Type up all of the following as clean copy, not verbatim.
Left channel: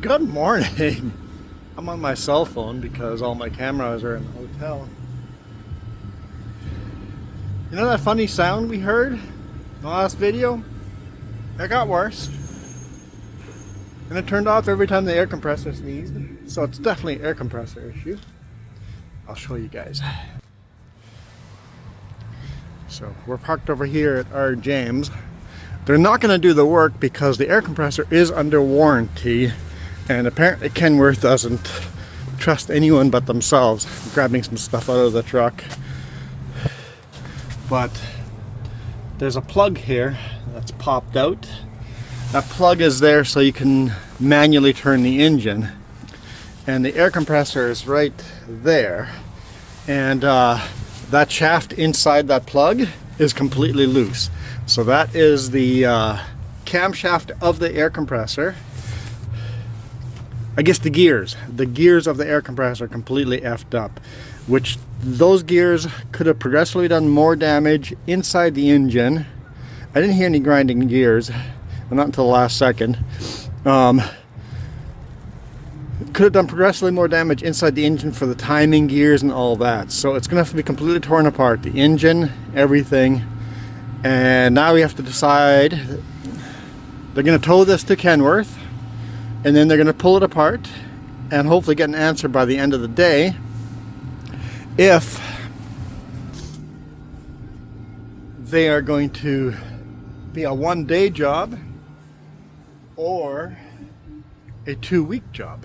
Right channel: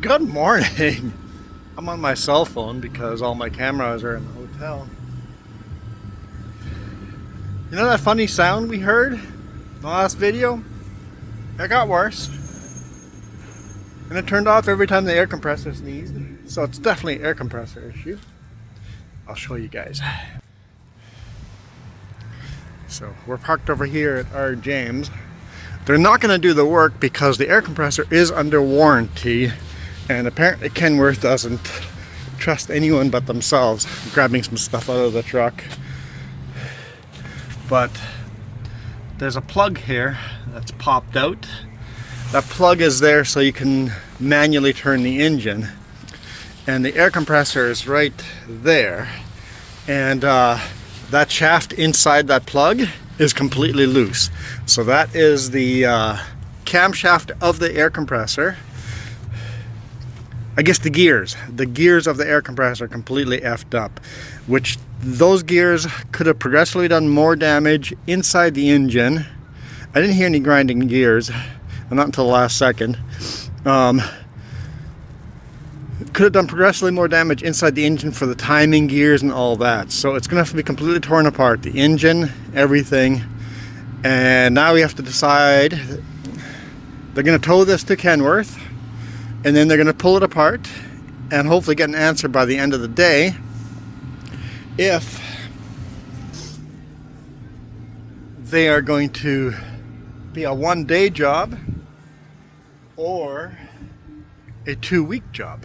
Good morning. I'm on my cell phone because all my cameras are in the hotel. You know that funny sound we heard in the last video? It got worse. And it turned off every time the air compressor sneezed. So it's definitely an air compressor issue. I'll show you guys. So we're parked over here at our James. They're not going to do the work because the air compressor is under warranty. And apparently Kenworth doesn't trust anyone but themselves. I'm grabbing some stuff out of the truck. But there's a plug here that's popped out. That plug is there so you can manually turn the engine. And the air compressor is right there. And that shaft inside that plug is completely loose. So that is the camshaft of the air compressor. I guess the gears of the air compressor are completely effed up, which those gears could have progressively done more damage inside the engine. I didn't hear any grinding gears, not until the last second. Could have done progressively more damage inside the engine for the timing gears and all that. So it's gonna have to be completely torn apart, the engine, everything. And now we have to decide. They're gonna tow this to Kenworth, and then they're going to pull it apart and hopefully get an answer by the end of the day if they are going to be a one-day job or a 2-week job.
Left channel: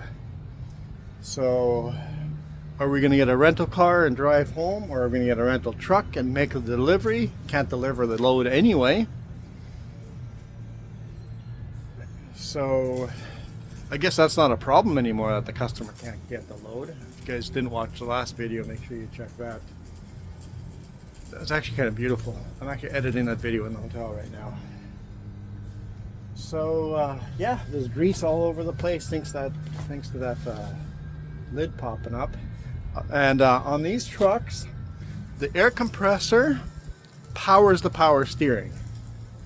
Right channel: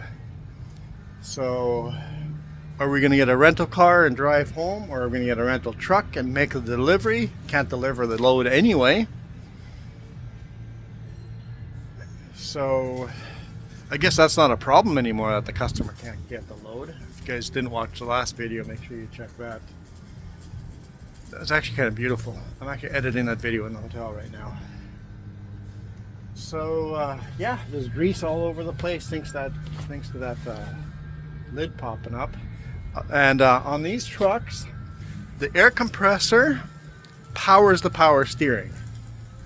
So are we going to get a rental car and drive home, or are we going to get a rental truck and make a delivery? Can't deliver the load anyway. So I guess that's not a problem anymore that the customer can't get the load. If you guys didn't watch the last video, make sure you check that. That's actually kind of beautiful. I'm actually editing that video in the hotel right now. So yeah, there's grease all over the place thanks to that lid popping up. And on these trucks, the air compressor powers the power steering.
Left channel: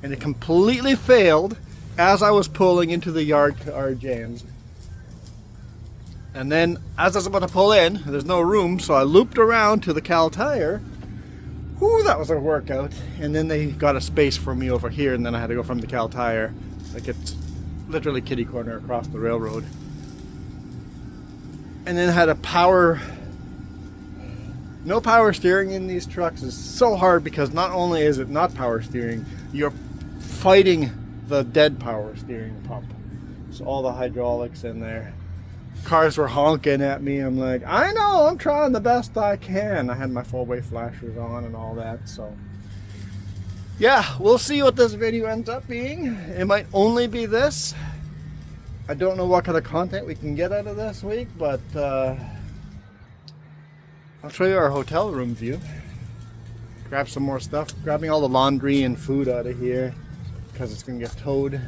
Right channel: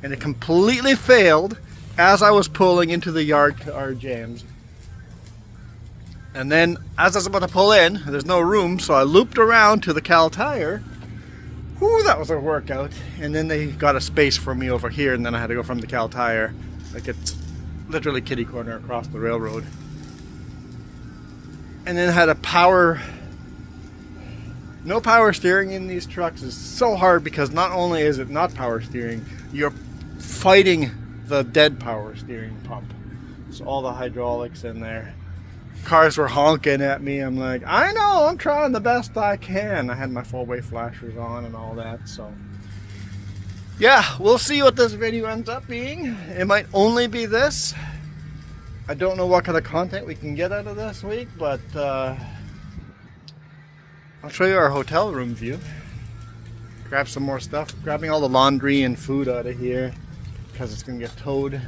And it completely failed as I was pulling into the yard to our James. And then as I was about to pull in, there's no room, so I looped around to the Cal Tire. Whoo, that was a workout. And then they got a space for me over here, and then I had to go from the Cal Tire. Like, it's literally kitty corner across the railroad. And then had a no power steering in these trucks is so hard because not only is it not power steering, you're fighting the dead power steering pump. So all the hydraulics in there. Cars were honking at me. I'm like, I know, I'm trying the best I can. I had my full-way flashers on and all that. So yeah, we'll see what this video ends up being. It might only be this. I don't know what kind of content we can get out of this week, but I'll show you our hotel room view. Grab some more stuff. Grabbing all the laundry and food out of here, because it's going to get towed,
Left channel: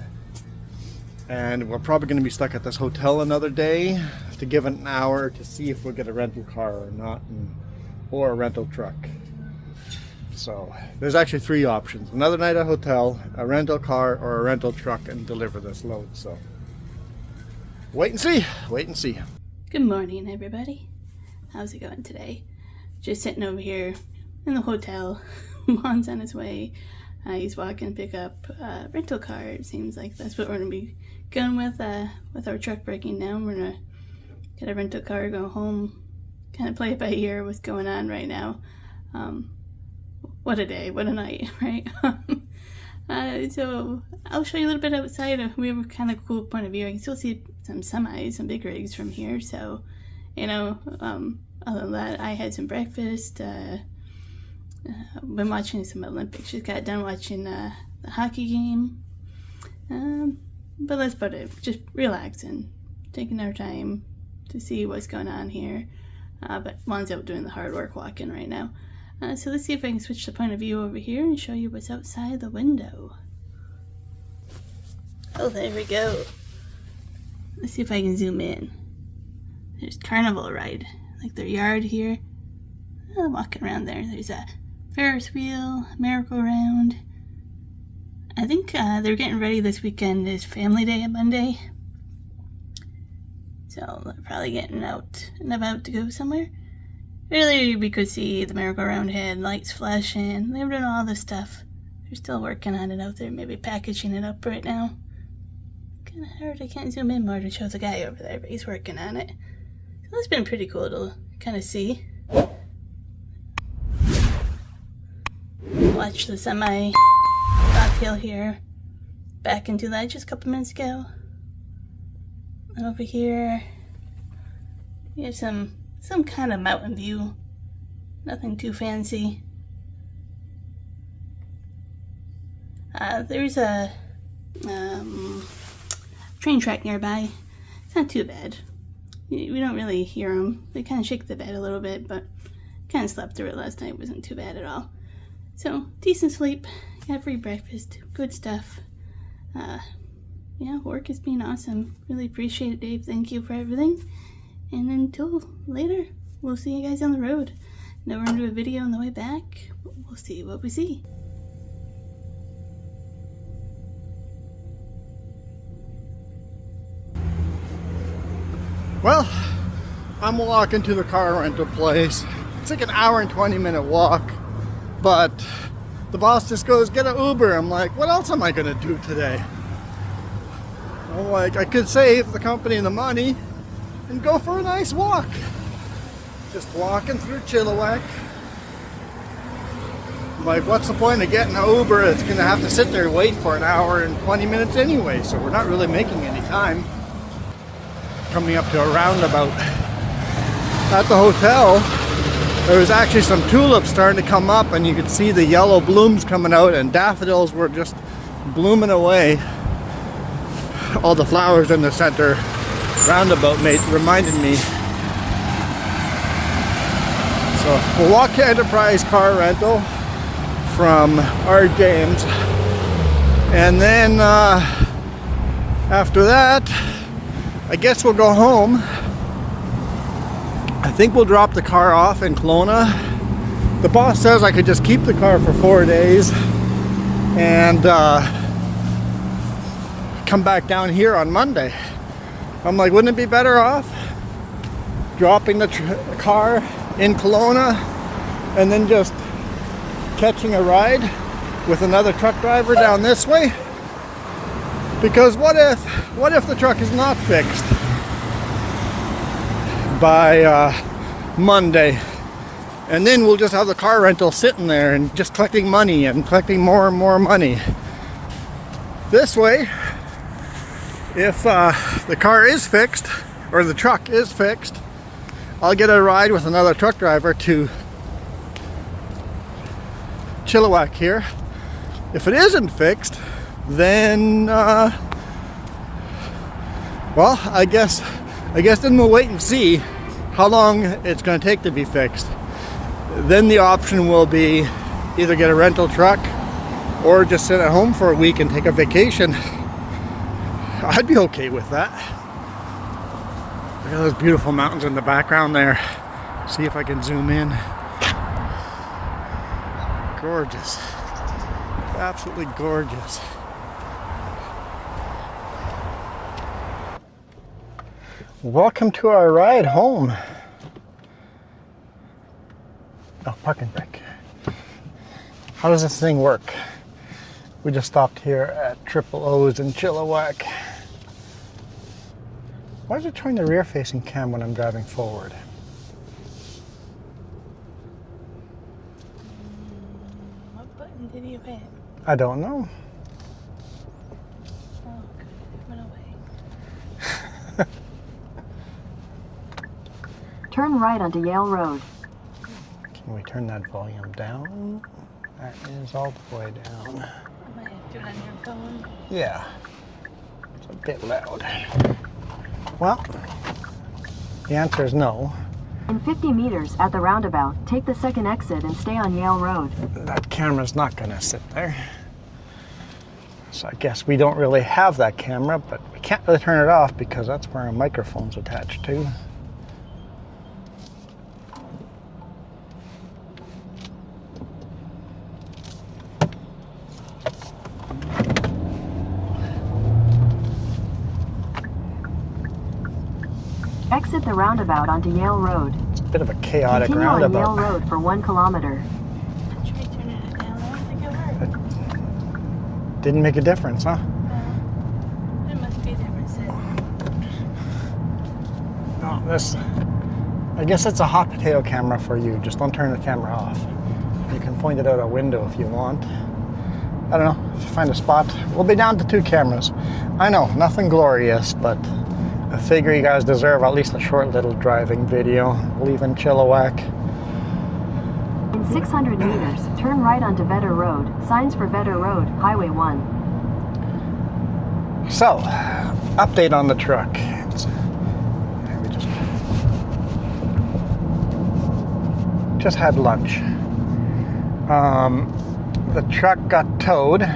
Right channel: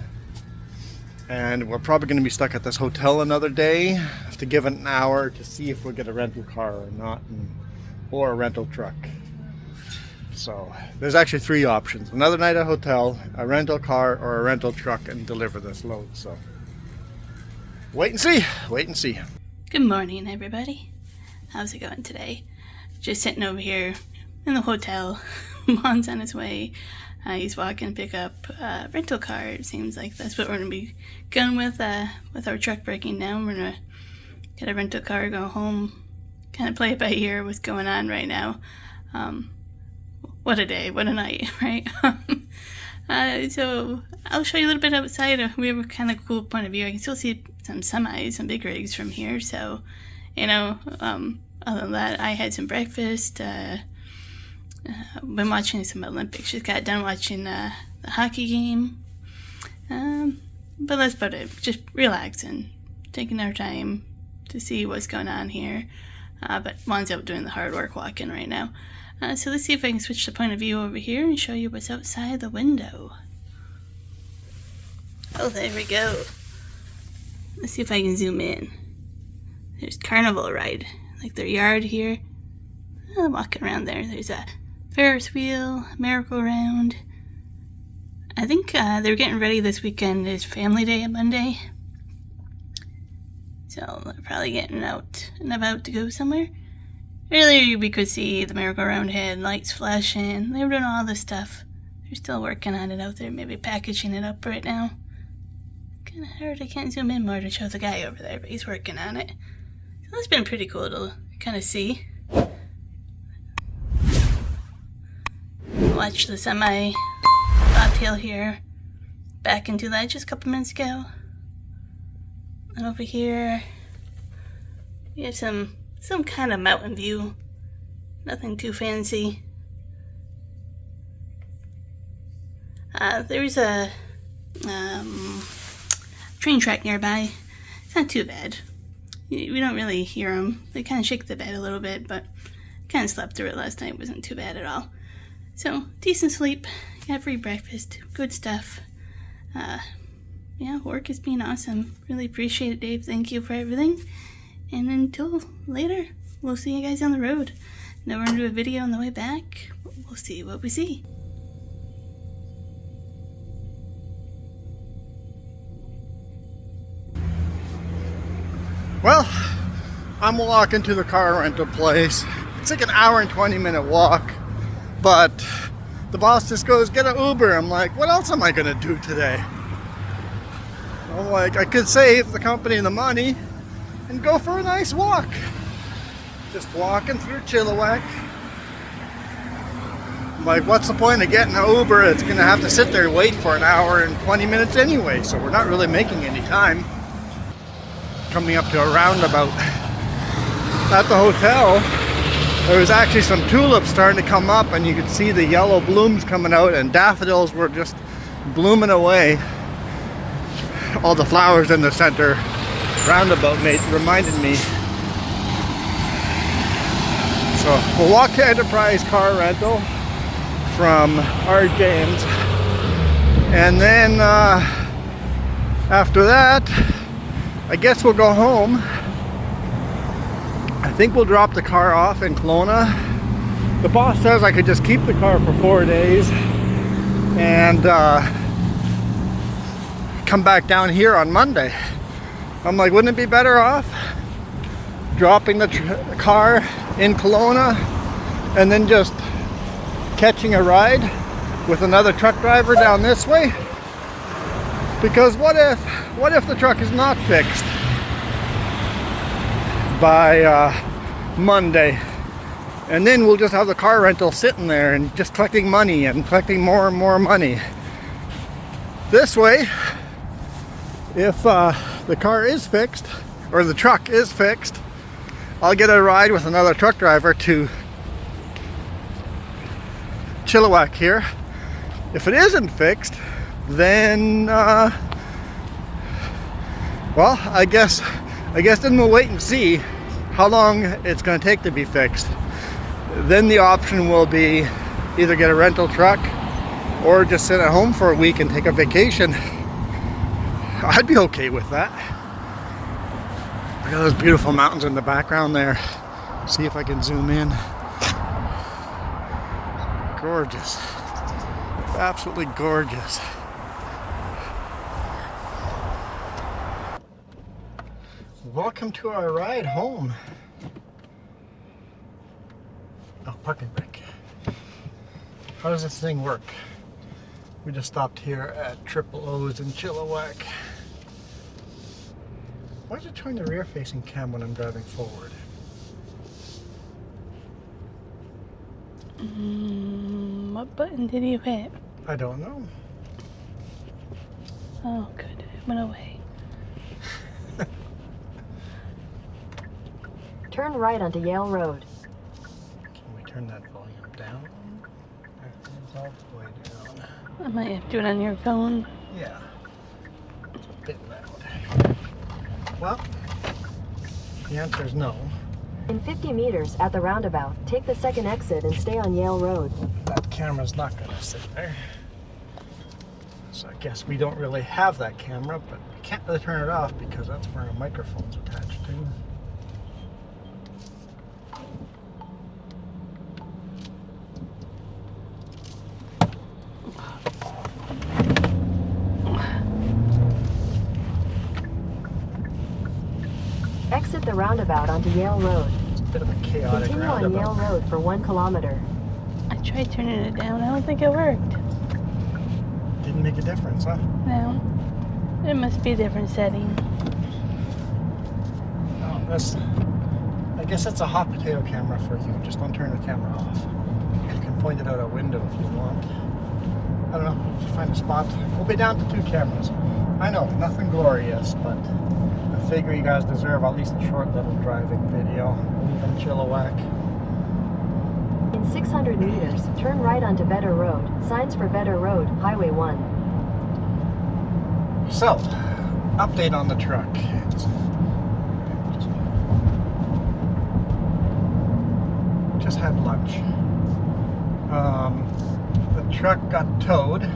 and we're probably going to be stuck at this hotel another day. Have to give it an hour to see if we'll get a rental car or not, or a rental truck. So there's actually 3 options: another night at a hotel, a rental car, or a rental truck, and deliver this load. So wait and see. Good morning, everybody. How's it going today? Just sitting over here in the hotel. Juan's on his way. He's walking to pick up a rental car. It seems like that's what we're going to be going with our truck breaking down. We're going to get a rental car, go home, kind of play it by ear what's going on right now. What a day, what a night, right? So I'll show you a little bit outside. We have a kind of cool point of view. I can still see some semis, some big rigs from here. So, you know, other than that, I had some breakfast. Been watching some Olympics. Just got done watching the hockey game. But that's about it. Just relaxing, taking our time to see what's going on here. But Juan's out doing the hard work walking right now. So let's see if I can switch the point of view over here and show you what's outside the window. Oh, there we go. Let's see if I can zoom in. There's Carnival Ride, like their yard here. Walking around there. There's a Ferris wheel, merry-go-round. I think they're getting ready this weekend. It's Family Day on Monday. So they're probably getting out and about to go somewhere. Earlier we could see the merry-go-round head, lights flashing. They were doing all this stuff. They're still working on it out there, maybe packaging it up right now. Kinda hard, I can't zoom in more to show the guy over there, but he's working on it. So it's been pretty cool to kind of see. Watch the semi-bobtail here. Back into that just a couple minutes ago. And over here, we have some kind of mountain view. Nothing too fancy. There's a train track nearby. It's not too bad. We don't really hear them. They kind of shake the bed a little bit, but kind of slept through it last night. It wasn't too bad at all. So, decent sleep. Got free breakfast. Good stuff. Yeah, work has been awesome. Really appreciate it, Dave. Thank you for everything. And until later, we'll see you guys on the road. Now we're going to do a video on the way back. We'll see what we see. Well, I'm walking to the car rental place. It's like an hour and 20-minute walk, but the boss just goes, get an Uber. I'm like, what else am I gonna do today? I'm like, I could save the company the money and go for a nice walk. Just walking through Chilliwack. I'm like, what's the point of getting an Uber? It's gonna have to sit there and wait for an hour and 20 minutes anyway, so we're not really making any time. Coming up to a roundabout. At the hotel, there was actually some tulips starting to come up, and you could see the yellow blooms coming out, and daffodils were just blooming away. All the flowers in the center roundabout reminded me. So we'll walk to Enterprise Car Rental from our James, and then after that, I guess we'll go home. I think we'll drop the car off in Kelowna. The boss says I could just keep the car for 4 days and come back down here on Monday. I'm like, wouldn't it be better off dropping the car in Kelowna and then just catching a ride with another truck driver down this way? Because what if the truck is not fixed by Monday, and then we'll just have the car rental sitting there and just collecting money and collecting more and more money. This way, if the car is fixed or the truck is fixed, I'll get a ride with another truck driver to Chilliwack here. If it isn't fixed, then well, I guess then we'll wait and see how long it's going to take to be fixed. Then the option will be either get a rental truck or just sit at home for a week and take a vacation. I'd be okay with that. Look at those beautiful mountains in the background there. See if I can zoom in. Gorgeous. Absolutely gorgeous. Welcome to our ride home. Oh, parking brake. How does this thing work? We just stopped here at Triple O's in Chilliwack. Why is it showing the rear facing cam when I'm driving forward? What button did you hit? I don't know. Oh, good. It went away. Turn right onto Yale Road. Can we turn that volume down? That is all the way down. I might have to do it on your phone. Yeah. It's a bit loud. Well, the answer is no. In 50 meters at the roundabout, take the second exit and stay on Yale Road. That camera's not going to sit there. So I guess we don't really have that camera, but we can't really turn it off because that's where our microphone's attached to. Exit the roundabout onto Yale Road. It's a bit of a chaotic Continue on Yale roundabout. Road for 1 kilometer. I tried turning it down. I don't think it worked. Didn't make a difference, huh? No. It must be a different setting. No, I guess it's a hot potato camera for you. Just don't turn the camera off. You can point it out a window if you want. I don't know. Find a spot. We'll be down to 2 cameras. I know, nothing glorious, but I figure you guys deserve at least a short little driving video. Leaving Chilliwack. In 600 meters, turn right onto Vedder Road. Signs for Vedder Road, Highway 1. So, update on the truck. Just had lunch. The truck got towed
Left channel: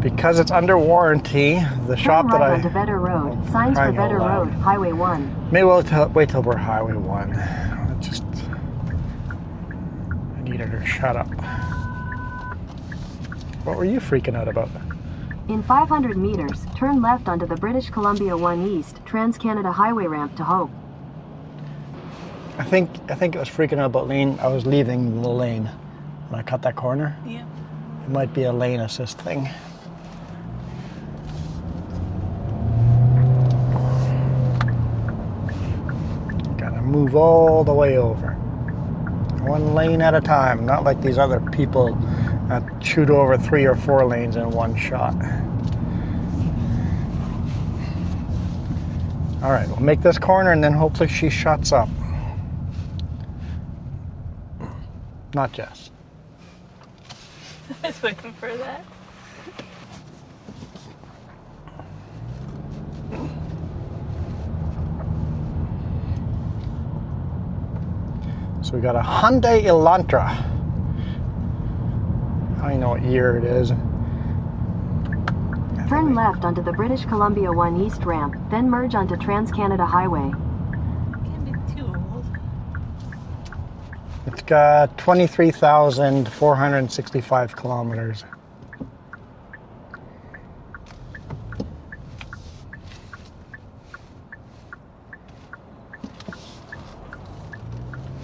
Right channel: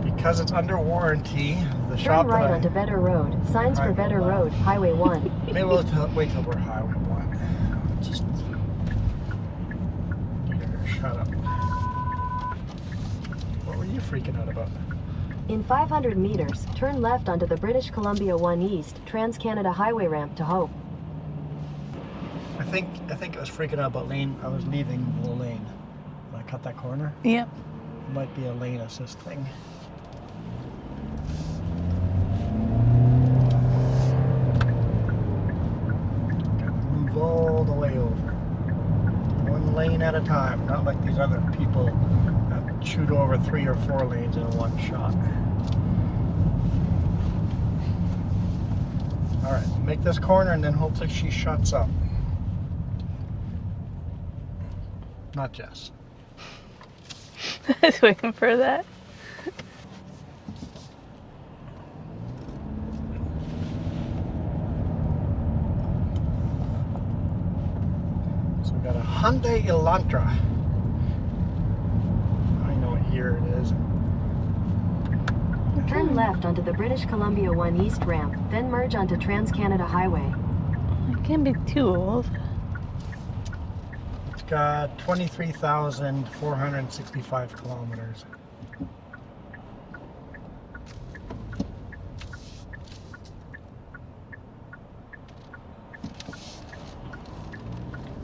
because it's under warranty. The shop Turn right that onto Vedder Road. Signs for Vedder Road, Highway 1. Maybe we'll wait till we're Highway 1. I needed her shut up. What were you freaking out about? In 500 meters, turn left onto the British Columbia 1 East Trans-Canada Highway ramp to Hope. I think it was freaking out about lane. I was leaving the lane when I cut that corner. Yep. It might be a lane assist thing. Gotta move all the way over. 1 lane at a time, not like these other people that shoot over 3 or 4 lanes in one shot. All right, we'll make this corner and then hopefully she shuts up. Not Jess. I was waiting for that. So we got a Hyundai Elantra. I know what year it is. Turn left onto the British Columbia 1 East ramp, then merge onto Trans-Canada Highway. It can't be too old. It's got 23,465 kilometers.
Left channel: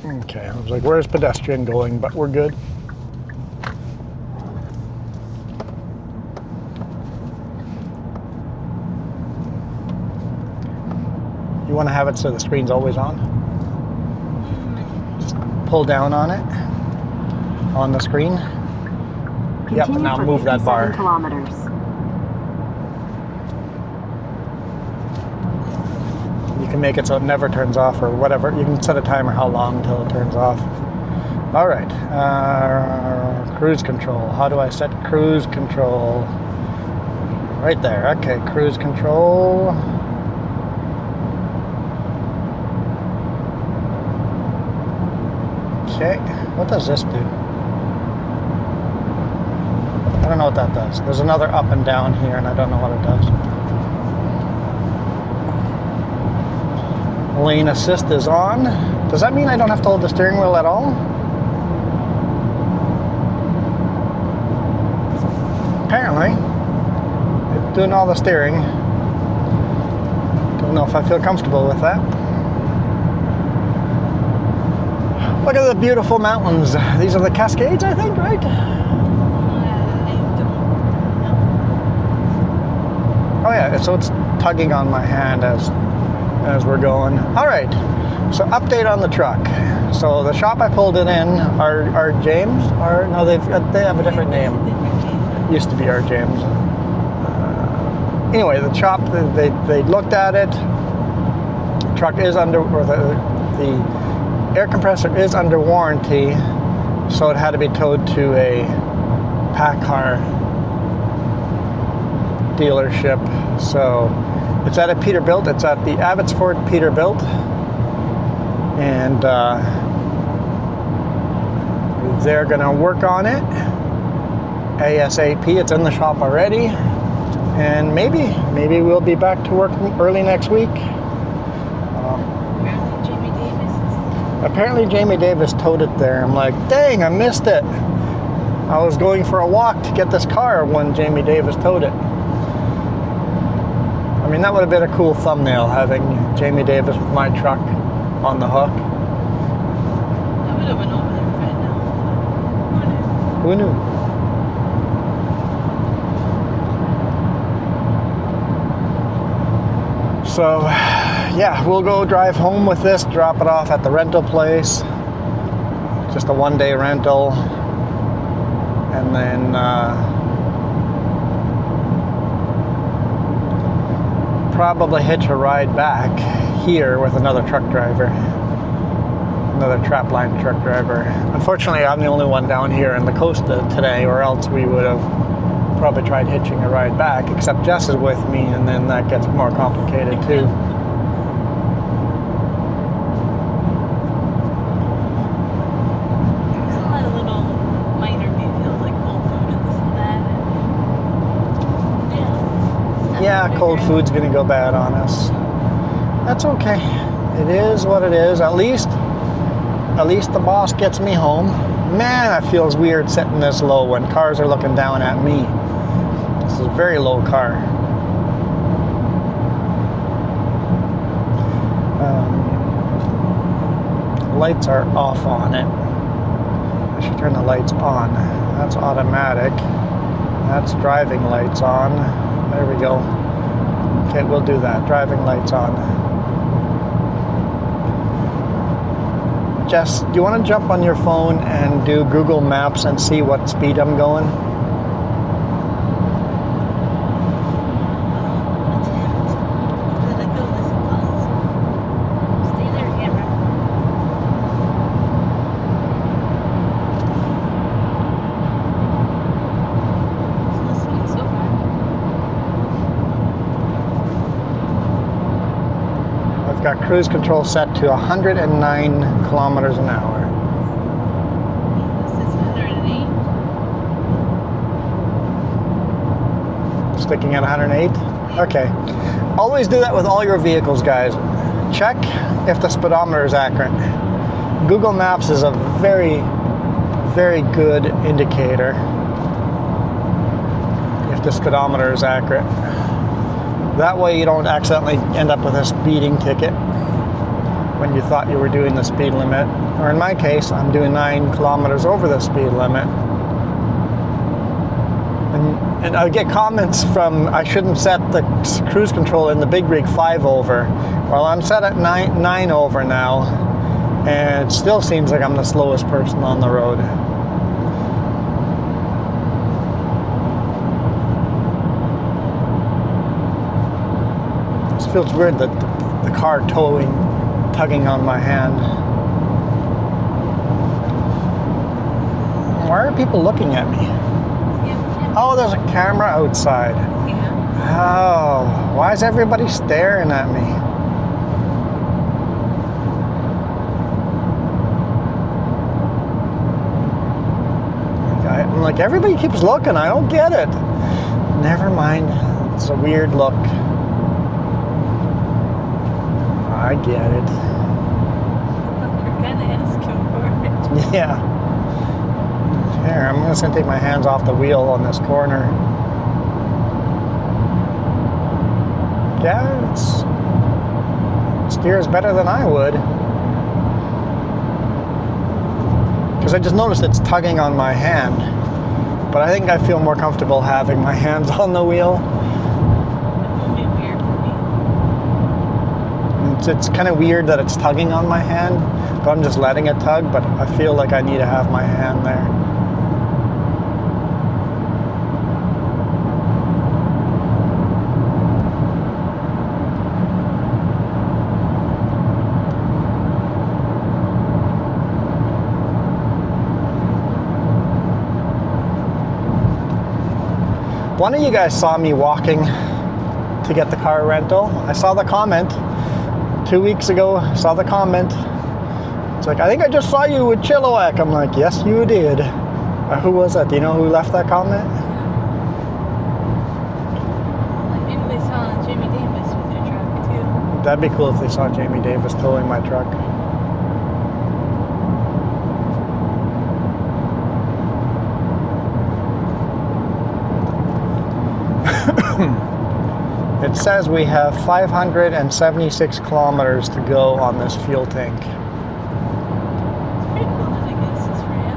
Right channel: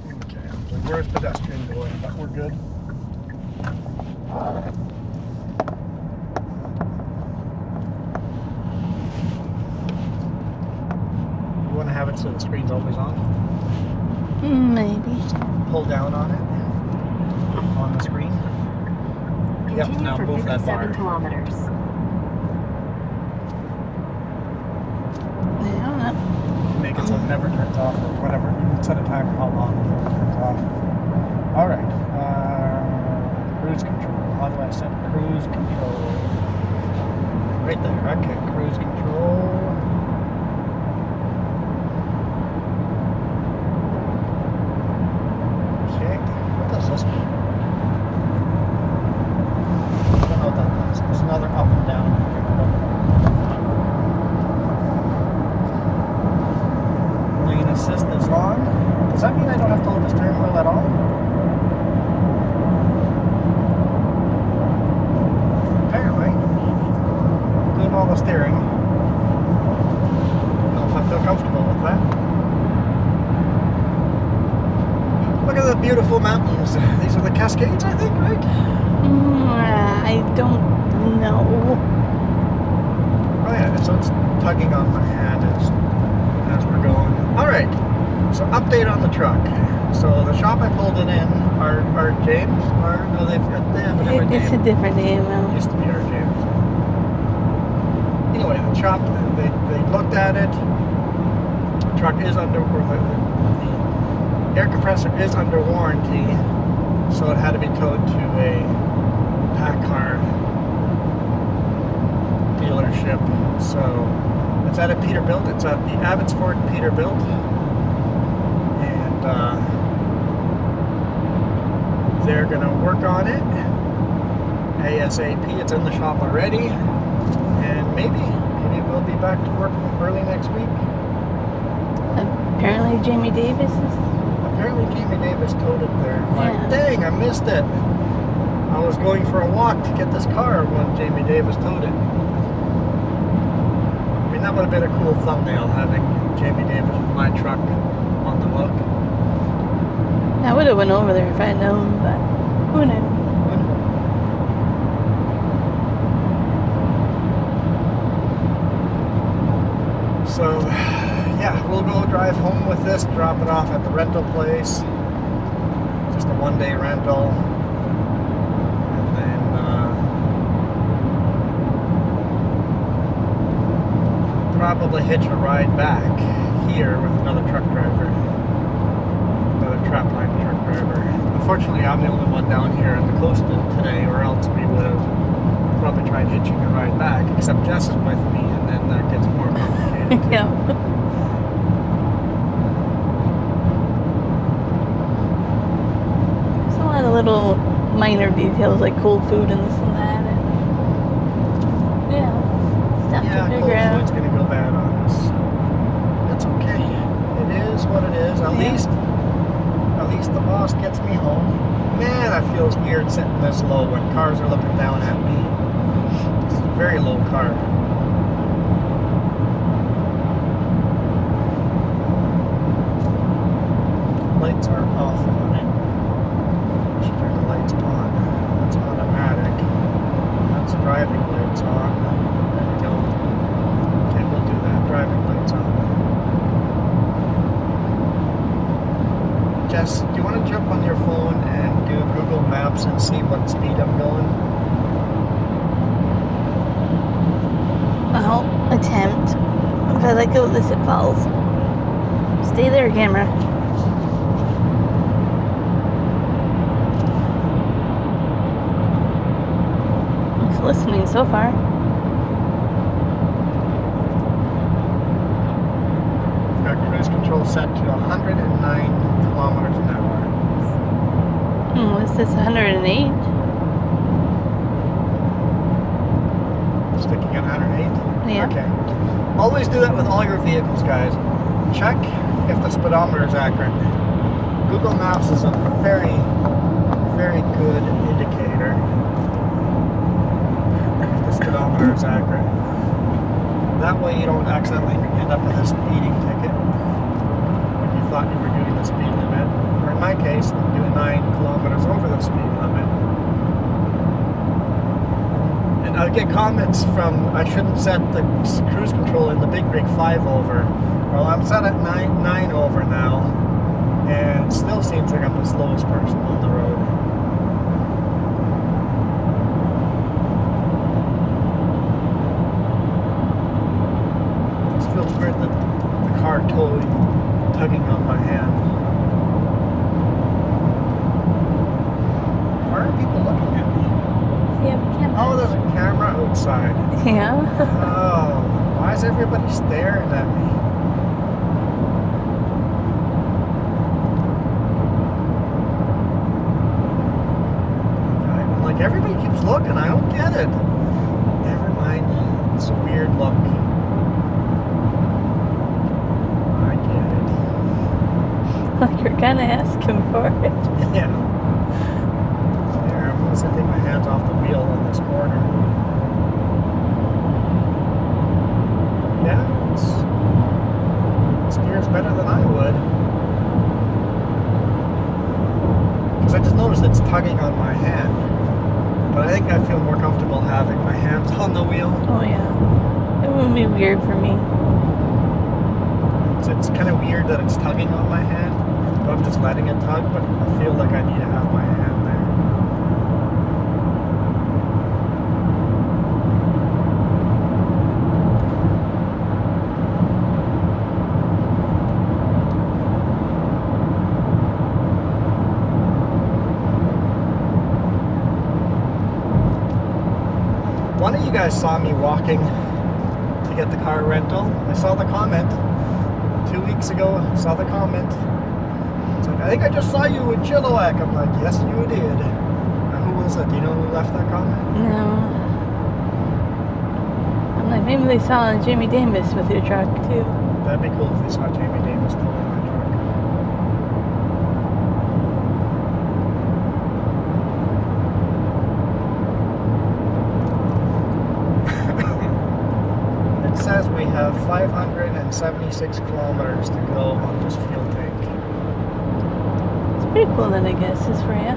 Okay, I was like, where's pedestrian going? But we're good. You want to have it so the screen's always on? Maybe. Pull down on it, on the screen. Yep, Continue now for move that 57 bar. kilometers. Yeah. You can make it so it never turns off or whatever. You can set a timer how long until it turns off. All right, cruise control. How do I set cruise control? Right there, okay, cruise control. Okay, what does this do? I don't know what that does. There's another up and down here, and I don't know what it does. Lane assist is on. Does that mean I don't have to hold the steering wheel at all? Apparently. It's doing all the steering. Don't know if I feel comfortable with that. Look at the beautiful mountains. These are the Cascades, I think, right? I don't know. Oh yeah, so it's tugging on my hand as we're going. All right, so update on the truck. So the shop I pulled it in, our James, or no, they have a different name. It's a different name. Used to be our James. Anyway, the shop, they looked at it. The truck is under, or the air compressor is under warranty, so it had to be towed to a PACCAR dealership. So it's at a Peterbilt. It's at the Abbotsford Peterbilt, and they're gonna work on it ASAP. It's in the shop already, and maybe we'll be back to work early next week. Apparently Jamie Davis towed it there. I'm like, dang, I missed it. I was going for a walk to get this car when Jamie Davis towed it. I mean, that would have been a cool thumbnail, having Jamie Davis with my truck on the hook. I would have went over there if I had known, but who knew? Who knew? So, yeah, we'll go drive home with this, drop it off at the rental place. Just a one-day rental. And then probably hitch a ride back here with another truck driver. Another trapline truck driver. Unfortunately, I'm the only one down here in the Costa today, or else we would have probably tried hitching a ride back, except Jess is with me, and then that gets more complicated too. Yeah. There's a lot of little minor details like cold food and this and that. Yeah, cold food's gonna go bad on us. That's okay. It is what it is. At least the boss gets me home. Man, it feels weird sitting this low when cars are looking down at me. This is a very low car. Lights are off on it. I should turn the lights on. That's automatic. That's driving lights on. There we go. Okay, we'll do that. Driving lights on. Jess, do you want to jump on your phone and do Google Maps and see what speed I'm going? I'll attempt. If I let go of this, it falls. Stay there, camera. Just listening so far. I've got cruise control set to 109 kilometers an hour. What's this, 108? Sticking at 108? Yeah. Okay. Always do that with all your vehicles, guys. Check if the speedometer is accurate. Google Maps is a very, very good indicator if the speedometer is accurate. That way you don't accidentally end up with a speeding ticket when you thought you were doing the speed limit. Or in my case, I'm doing 9 kilometers over the speed limit. And I get comments from, I shouldn't set the cruise control in the big rig 5 over. Well, I'm set at 9 over now, and it still seems like I'm the slowest person on the road. It feels weird that the car tugging on my hand. Why are people looking at me? Oh, there's a camera outside. Yeah. Oh, why is everybody staring at me? I'm like, everybody keeps looking. I don't get it. Never mind. It's a weird look. I get it. Like you're kind of asking for it. Yeah. There, I'm just going to take my hands off the wheel on this corner. Yeah, it steers better than I would. Because I just noticed it's tugging on my hand. But I think I feel more comfortable having my hands on the wheel. Oh yeah. It would be weird for me. It's kind of weird that it's tugging on my hand, but I'm just letting it tug, but I feel like I need to have my hand there. One of you guys saw me walking to get the car rental. I saw the comment 2 weeks ago. I saw the comment. It's like, I think I just saw you with Chilliwack. I'm like, yes, you did. Who was that? Do you know who left that comment? No. Like maybe they saw Jamie Davis with your truck too. That'd be cool if they saw Jamie Davis towing my truck. It says we have 576 kilometers to go on this fuel tank. It's pretty cool that I guess is for you.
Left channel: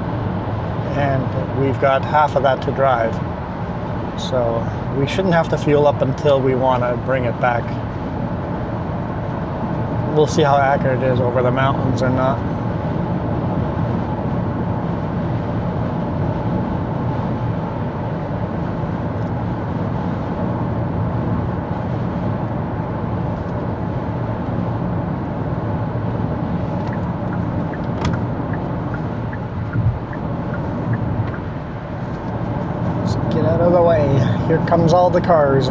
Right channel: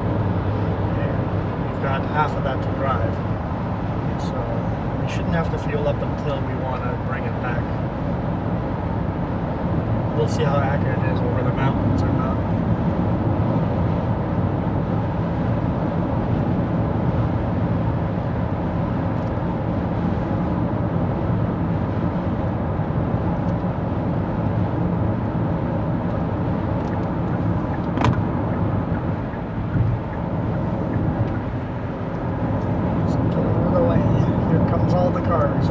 And we've got half of that to drive. So we shouldn't have to fuel up until we want to bring it back. We'll see how accurate it is over the mountains or not. Get out of the way. Here comes all the cars.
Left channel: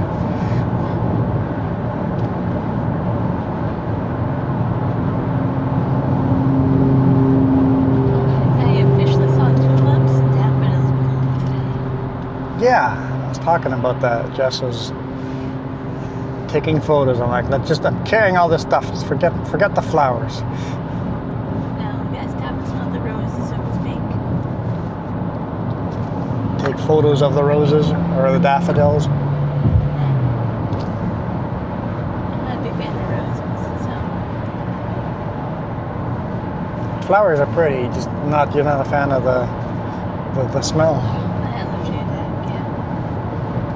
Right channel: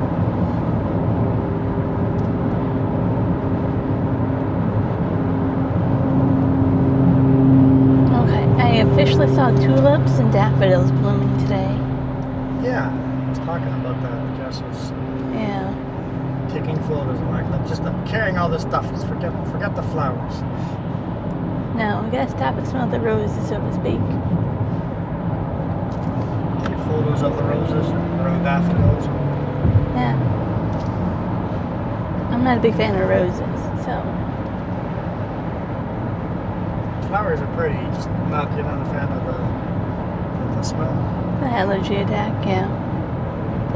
Okay, I officially saw tulips and daffodils blooming today. Yeah, I was talking about that. Jess was Yeah. taking photos. I'm like, I'm carrying all this stuff. Just forget the flowers. No, I gotta stop and smell the roses, so to speak. Take photos of the roses or the daffodils. Yeah. I'm not a big fan of roses, so. Flowers are pretty, just you're not a fan of the smell. The allergy attack, yeah.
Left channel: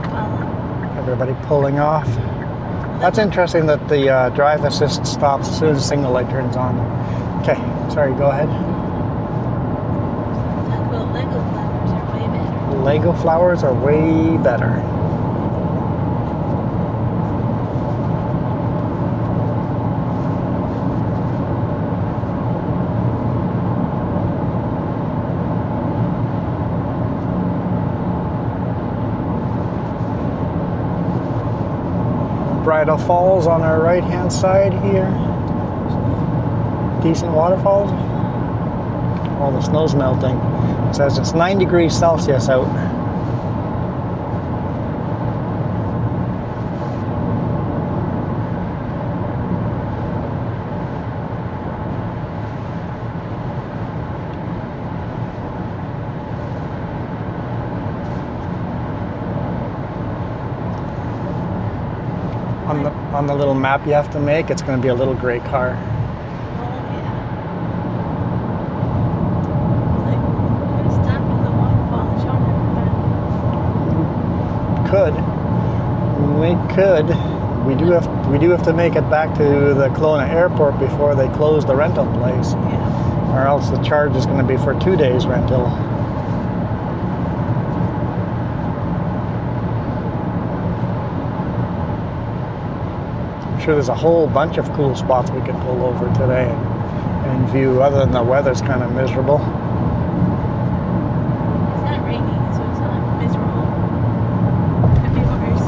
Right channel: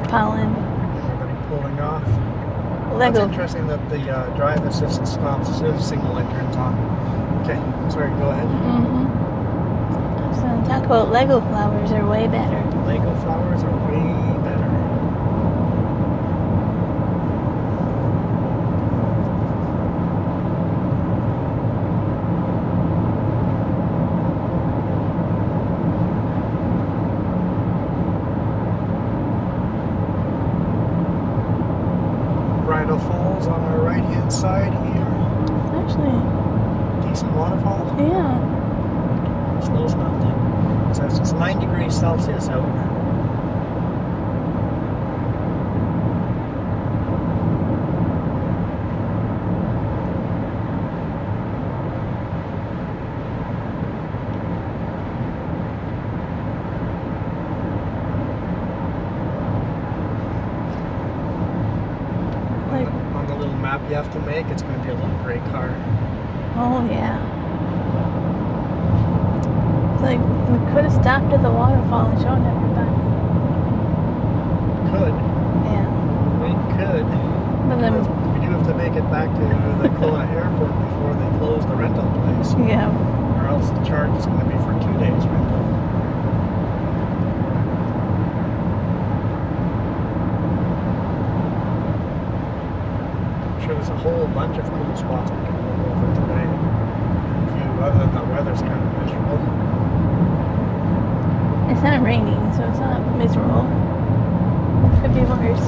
The pollen. Everybody pulling off. The That's Lego- interesting that the drive assist stops as soon as the signal light turns on. Okay, sorry, go ahead. So talk about Lego flowers are way better. Lego flowers are way better. Bridal Falls on our right hand side here. Actually, Decent waterfalls. yeah. All the snow's melting. It says it's 9 degrees Celsius out. On the little map you have to make, it's going to be a little gray car. Oh, yeah. It's like, we could have stopped at the waterfall and shown everybody. Could. Yeah. We could. But then- We do have to make it back to the Kelowna airport before they close the rental place, Yeah. or else the charge is going to be for 2 days rental. I'm sure there's a whole bunch of cool spots we could pull over today and view, other than the weather's kind of miserable. It's not raining, so it's not miserable. Could be worse.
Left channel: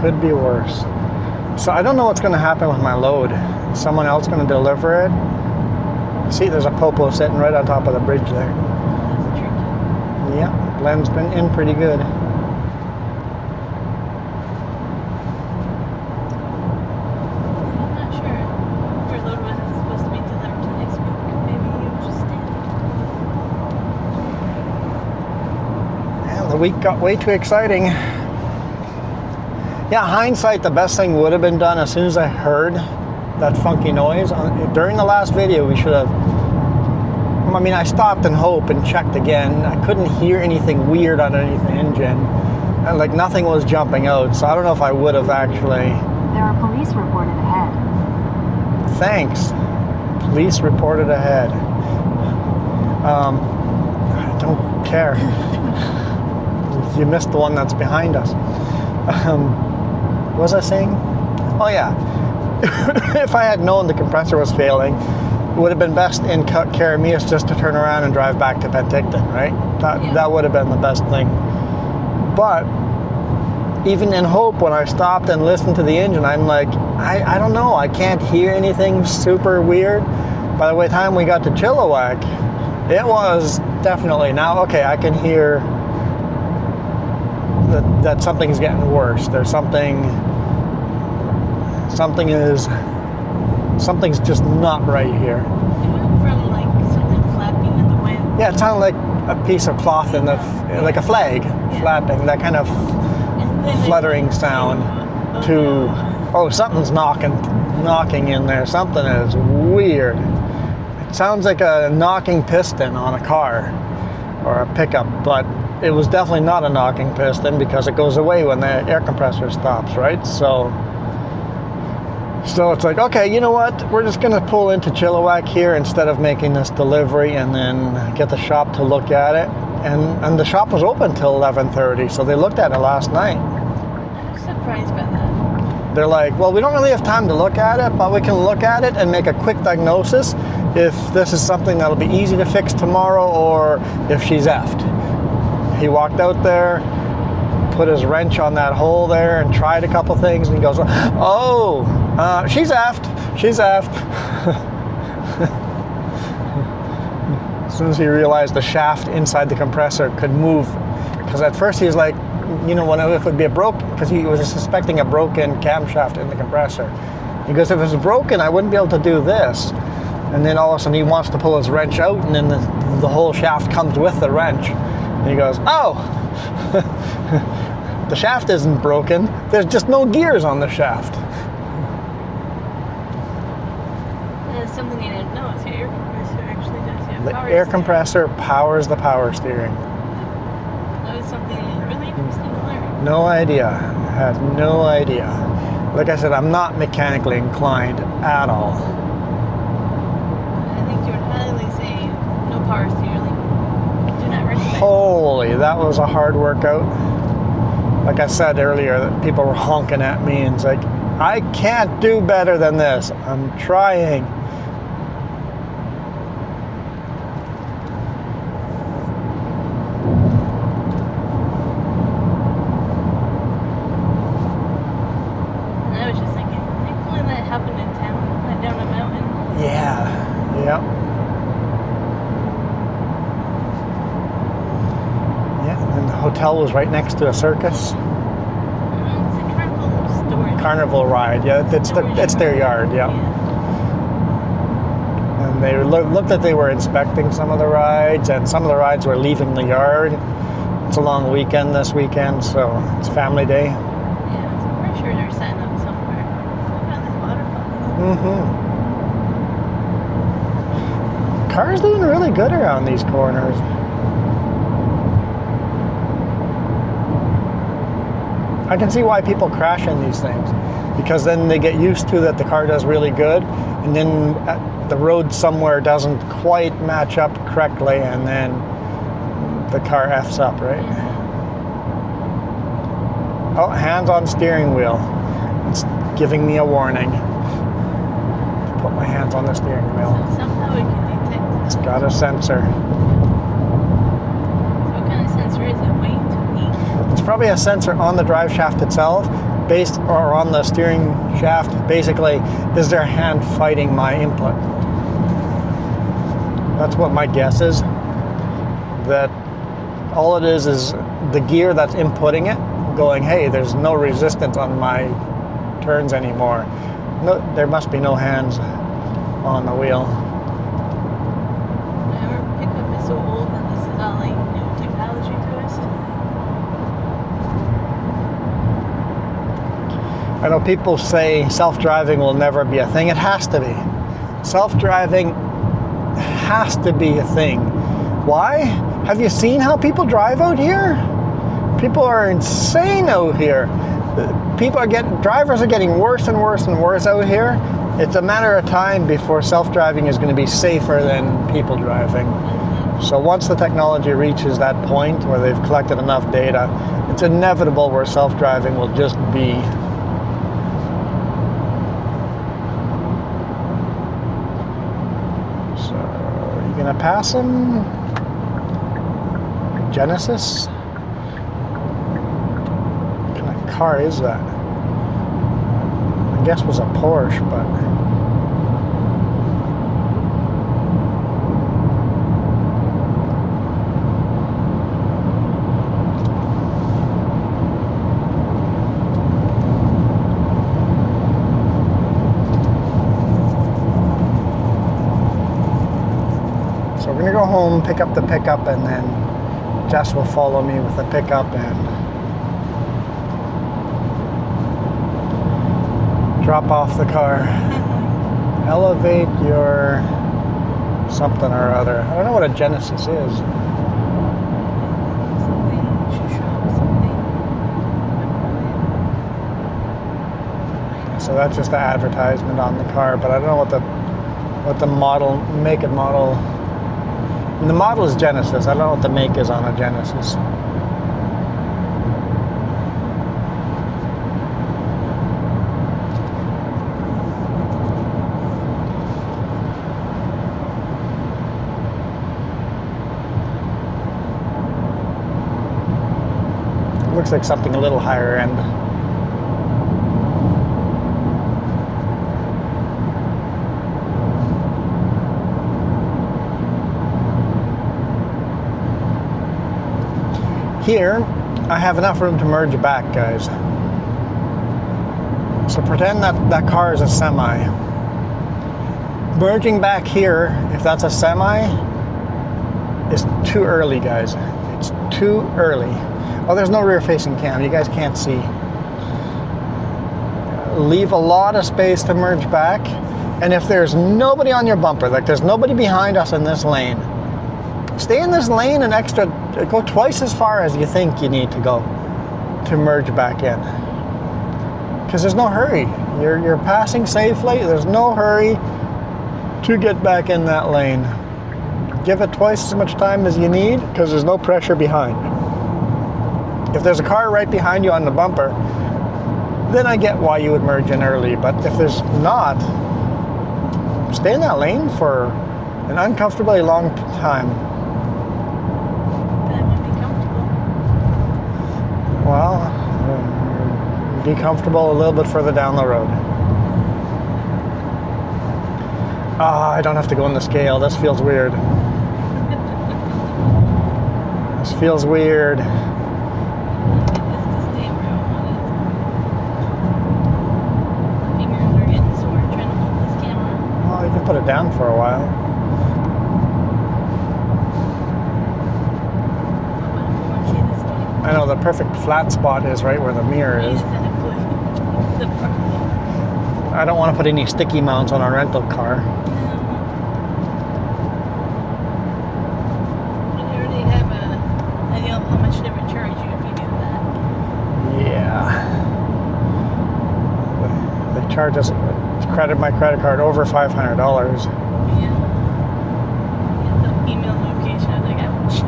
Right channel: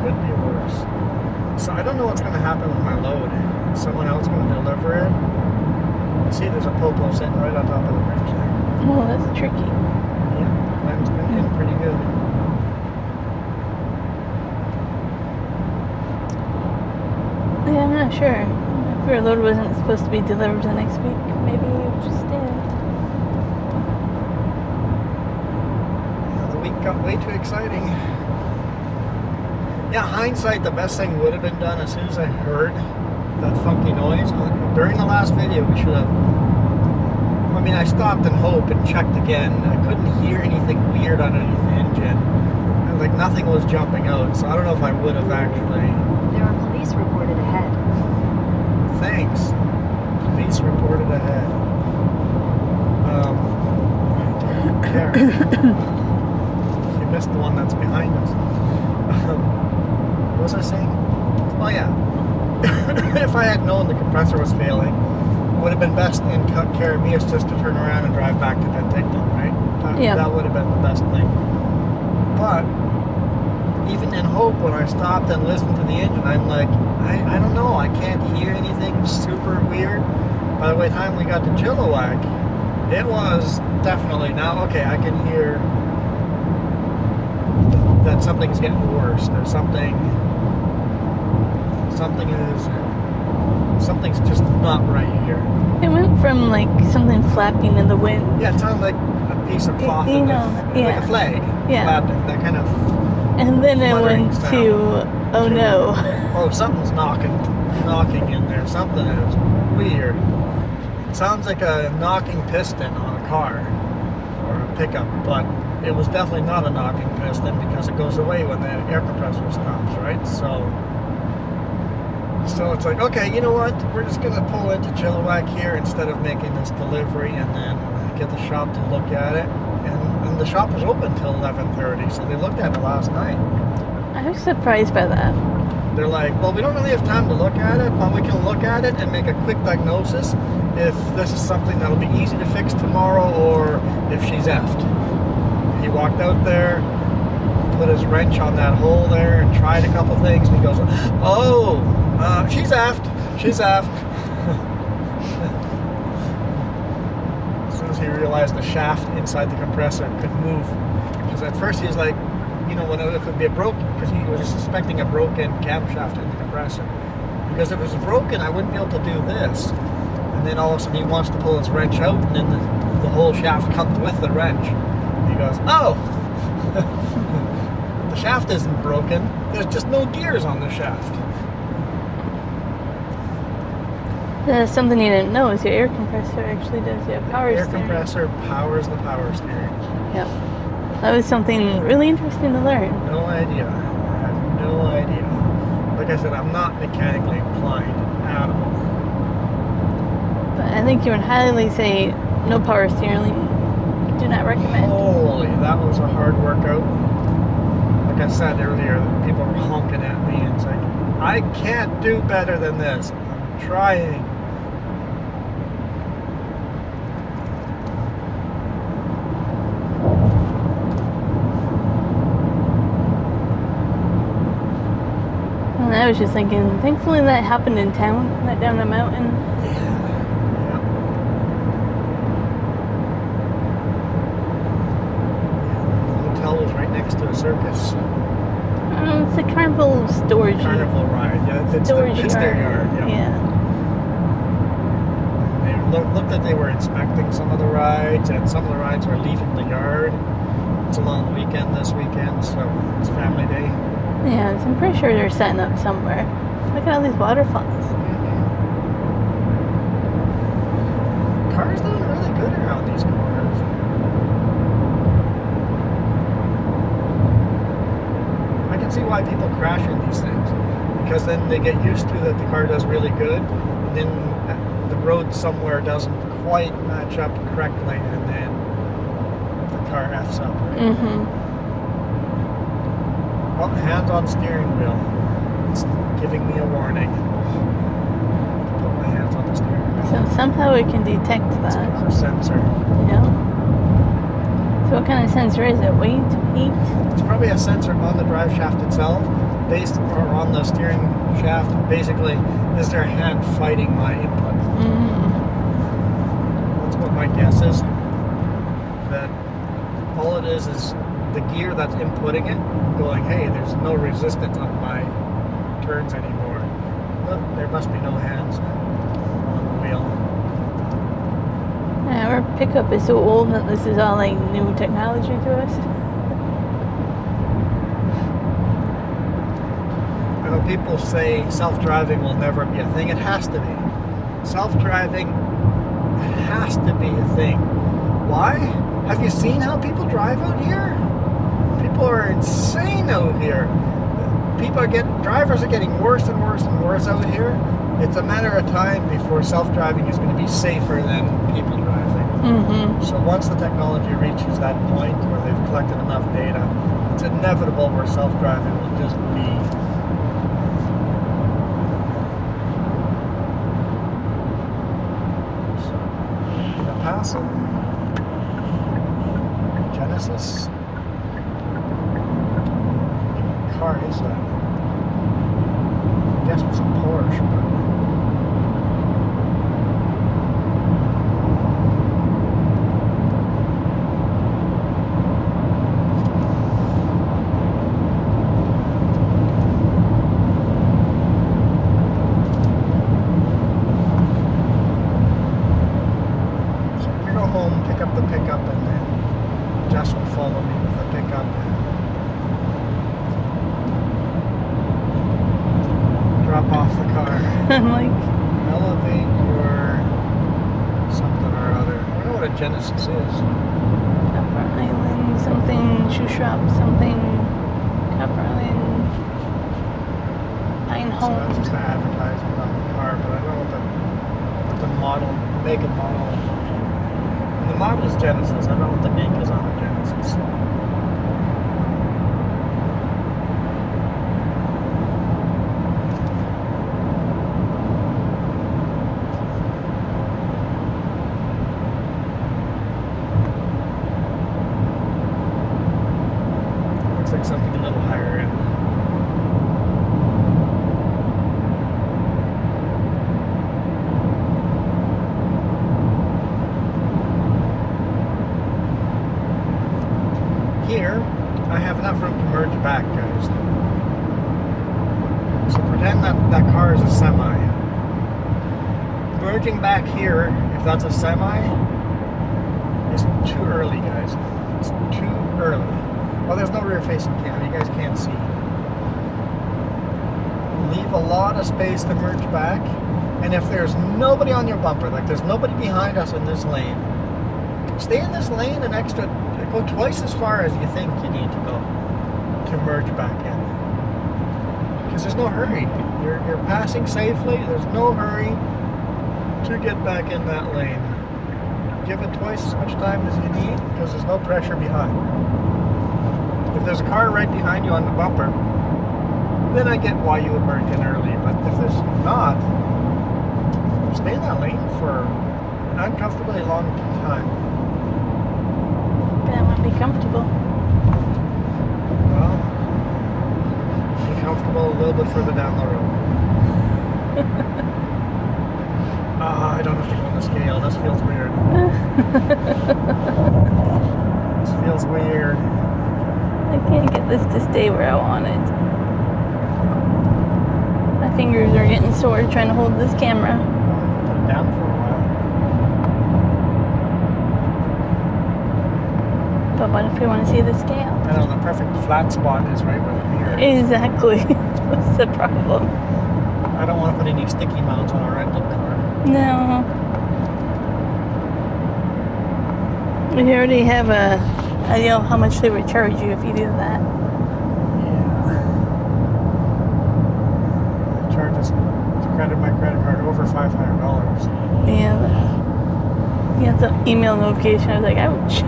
Could be worse. So I don't know what's going to happen with my load. Is someone else going to deliver it? See, there's a popo sitting right on top of the bridge there. Oh, that's tricky. Yeah, Glenn's been in pretty good. Yeah, I'm not sure. If your load wasn't supposed to be delivered the next week, maybe you just stay. Yeah, the week got way too exciting. Yeah, hindsight, the best thing would have been done as soon as I heard that funky noise. During the last video, we should have... I mean, I stopped and hoped and checked again. I couldn't hear anything weird underneath the engine. And, like, nothing was jumping out, so I don't know if I would have actually... There are police reported ahead. Thanks. Police reported ahead. I don't care. You missed the one that's behind us. What was I saying? Oh yeah. If I had known the compressor was failing, it would have been best in Caramias just to turn around and drive back to Penticton, right? That would have been the best thing. But even in Hope, when I stopped and listened to the engine, I'm like, I don't know, I can't hear anything super weird. By the time we got to Chilliwack, it was definitely, now, okay, I can hear that something's getting worse. There's something's just not right here. It went from like something flapping in the wind. Yeah, it sounded like a piece of cloth like a flag flapping, that kind of and then fluttering it went sound. to Oh to, no. oh, something's knocking in there. Something is weird. It sounds like a knocking piston on a car or a pickup, but it was definitely not a knocking piston because it goes away when the air compressor stops, right? So it's like, okay, you know what? We're just going to pull into Chilliwack here instead of making this delivery and then get the shop to look at it. And the shop was open till 11:30, so they looked at it last night. I was surprised by that. They're like, well, we don't really have time to look at it, but we can look at it and make a quick diagnosis if this is something that'll be easy to fix tomorrow or if she's effed. He walked out there, put his wrench on that hole there and tried a couple things, and he goes, oh, she's effed. She's effed. As soon as he realized the shaft inside the compressor could move, because at first he was like, you know, if it would be a because he was suspecting a broken camshaft in the compressor. He goes, if it was broken, I wouldn't be able to do this. And then all of a sudden he wants to pull his wrench out, and then the whole shaft comes with the wrench. And he goes, oh, the shaft isn't broken. There's just no gears on the shaft. Something you didn't know is your air compressor actually does your The power air steering. compressor powers the power steering. Yep. That was something really interesting to learn. No idea. I have no idea. Like I said, I'm not mechanically inclined at all. But I think you would highly say no power steering. Do not recommend. Holy, that was a hard workout. Like I said earlier, that people were honking at me and it's like, I can't do better than this. I'm trying. And I was just thinking, thankfully that happened in town, right down the mountain. Yeah. Yep. Yeah, and the hotel was right next to a circus. It's a carnival storage. Carnival ride, yeah. It's their yard, yeah. And they looked like they were inspecting some of the rides, and some of the rides were leaving the yard. It's a long weekend this weekend, so it's family day. Yeah, so I'm pretty sure they're setting up somewhere. Look at all these waterfalls. Mm-hmm. Cars doing really good around these corners. I can see why people crash in these things, because then they get used to that the car does really good, and then the road somewhere doesn't quite match up correctly, and then the car F's up, right? Mm-hmm. Oh, hands on steering wheel. It's giving me a warning. Put my hands on the steering wheel. So somehow it can detect that. It's got a sensor. Yeah. So what kind of sensor is it? Weight? Heat? It's probably a sensor on the drive shaft itself, or on the steering shaft. Basically, is their hand fighting my input? Mm-hmm. That's what my guess is. That all it is the gear that's inputting it, going, hey, there's no resistance on my turns anymore. No, there must be no hands on the wheel. Yeah, our pickup is so old that this is all like new technology to us. I know people say self-driving will never be a thing. It has to be. Self-driving has to be a thing. Why? Have you seen how people drive out here? People are insane out here. Drivers are getting worse and worse and worse out here. It's a matter of time before self-driving is going to be safer than people driving. Mm-hmm. So once the technology reaches that point where they've collected enough data, it's inevitable where self-driving will just be. So, you gonna pass them? Genesis? What kind of car is that? I guess it was a Porsche, but so we're gonna go home, pick up the pickup, and then Jess will follow me with the pickup, and drop off the car. I'm like, Elevate your something or other. I don't know what a Genesis is. Island, something, shoe shop, something, Island. So that's just the advertisement on the car, but I don't know what the model, make and model. And the model is Genesis. I don't know what the make is on a Genesis. Looks like something a little higher end. Here, I have enough room to merge back, guys. So pretend that car is a semi. Merging back here, if that's a semi, is too early, guys. It's too early. Oh, there's no rear-facing cam. You guys can't see. Leave a lot of space to merge back. And if there's nobody on your bumper, like there's nobody behind us in this lane, stay in this lane an extra, go twice as far as you think you need to go to merge back in. Because there's no hurry. You're passing safely. There's no hurry to get back in that lane. Give it twice as much time as you need because there's no pressure behind. If there's a car right behind you on the bumper, then I get why you would merge in early. But if there's not, stay in that lane for an uncomfortably long time. That might be comfortable. Well, be comfortable a little bit further down the road. I don't have to go on the scale. This feels weird. This feels weird. I can't get this to stay where I want it. My fingers are getting sore trying to hold this camera. Well, you can put it down for a while. But what if we want to see the scale? I know the perfect flat spot is right where the mirror is. Exactly. That's the problem. I don't want to put any sticky mounts on our rental car. No. We already have a idea of how much they would charge you if you do that. Yeah. They charge us to credit my credit card over $500. Yeah. You have the email notification. I was like, ouch.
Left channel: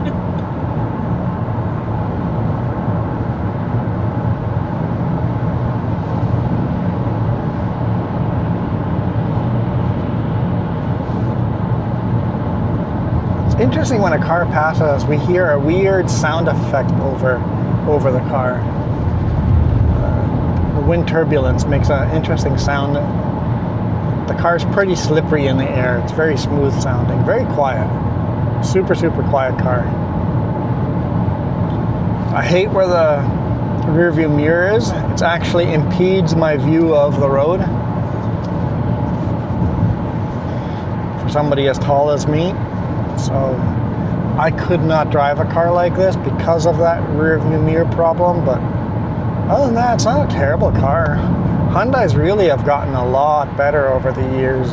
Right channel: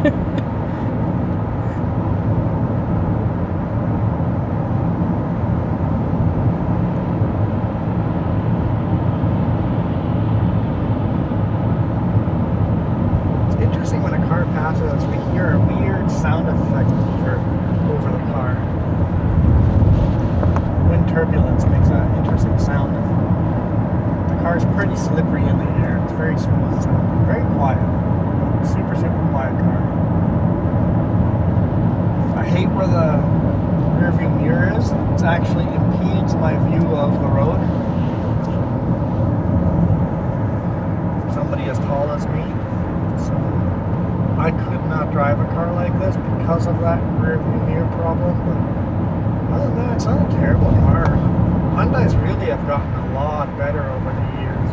Interesting, when a car passes us, we hear a weird sound effect over the car. Wind turbulence makes an interesting sound. The car's pretty slippery in the air. It's very smooth sounding, very quiet. Super, super quiet car. I hate where the rear view mirror is. It actually impedes my view of the road. For somebody as tall as me. So I could not drive a car like this because of that rear view mirror problem, but other than that, it's not a terrible car. Hyundais really have gotten a lot better over the years.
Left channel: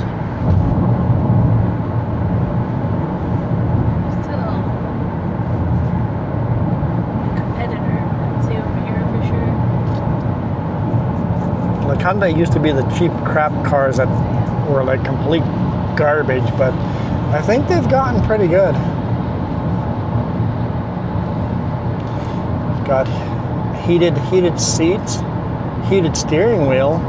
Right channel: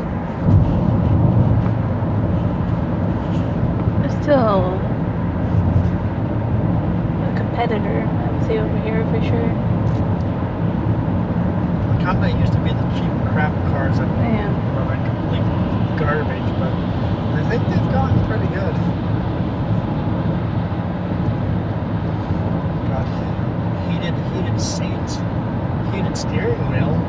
They're still a competitor, I would say, over here for sure. Like Hyundai used to be the cheap crap cars that Yeah. were like complete garbage, but I think they've gotten pretty good. Got heated seats, heated steering wheel.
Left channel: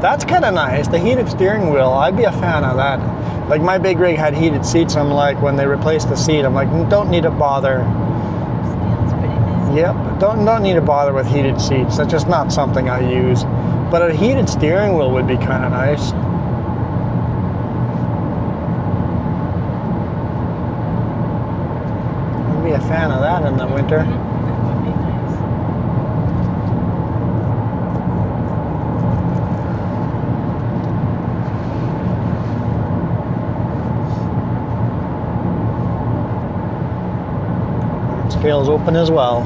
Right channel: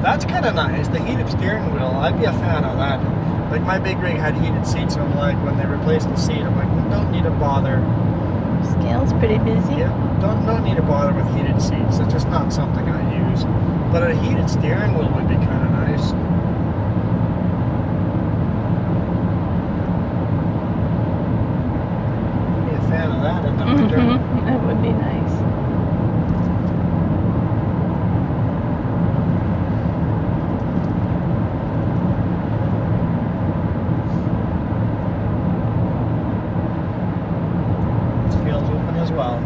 That's kind of nice. The heated steering wheel, I'd be a fan of that. Like my big rig had heated seats. I'm like, when they replaced the seat, I'm like, don't need to bother. Scale's pretty busy. Yep, don't need to bother with heated seats. That's just not something I use. But a heated steering wheel would be kind of nice. I'd be a fan of that in the winter. That would be nice. Scale's open as well.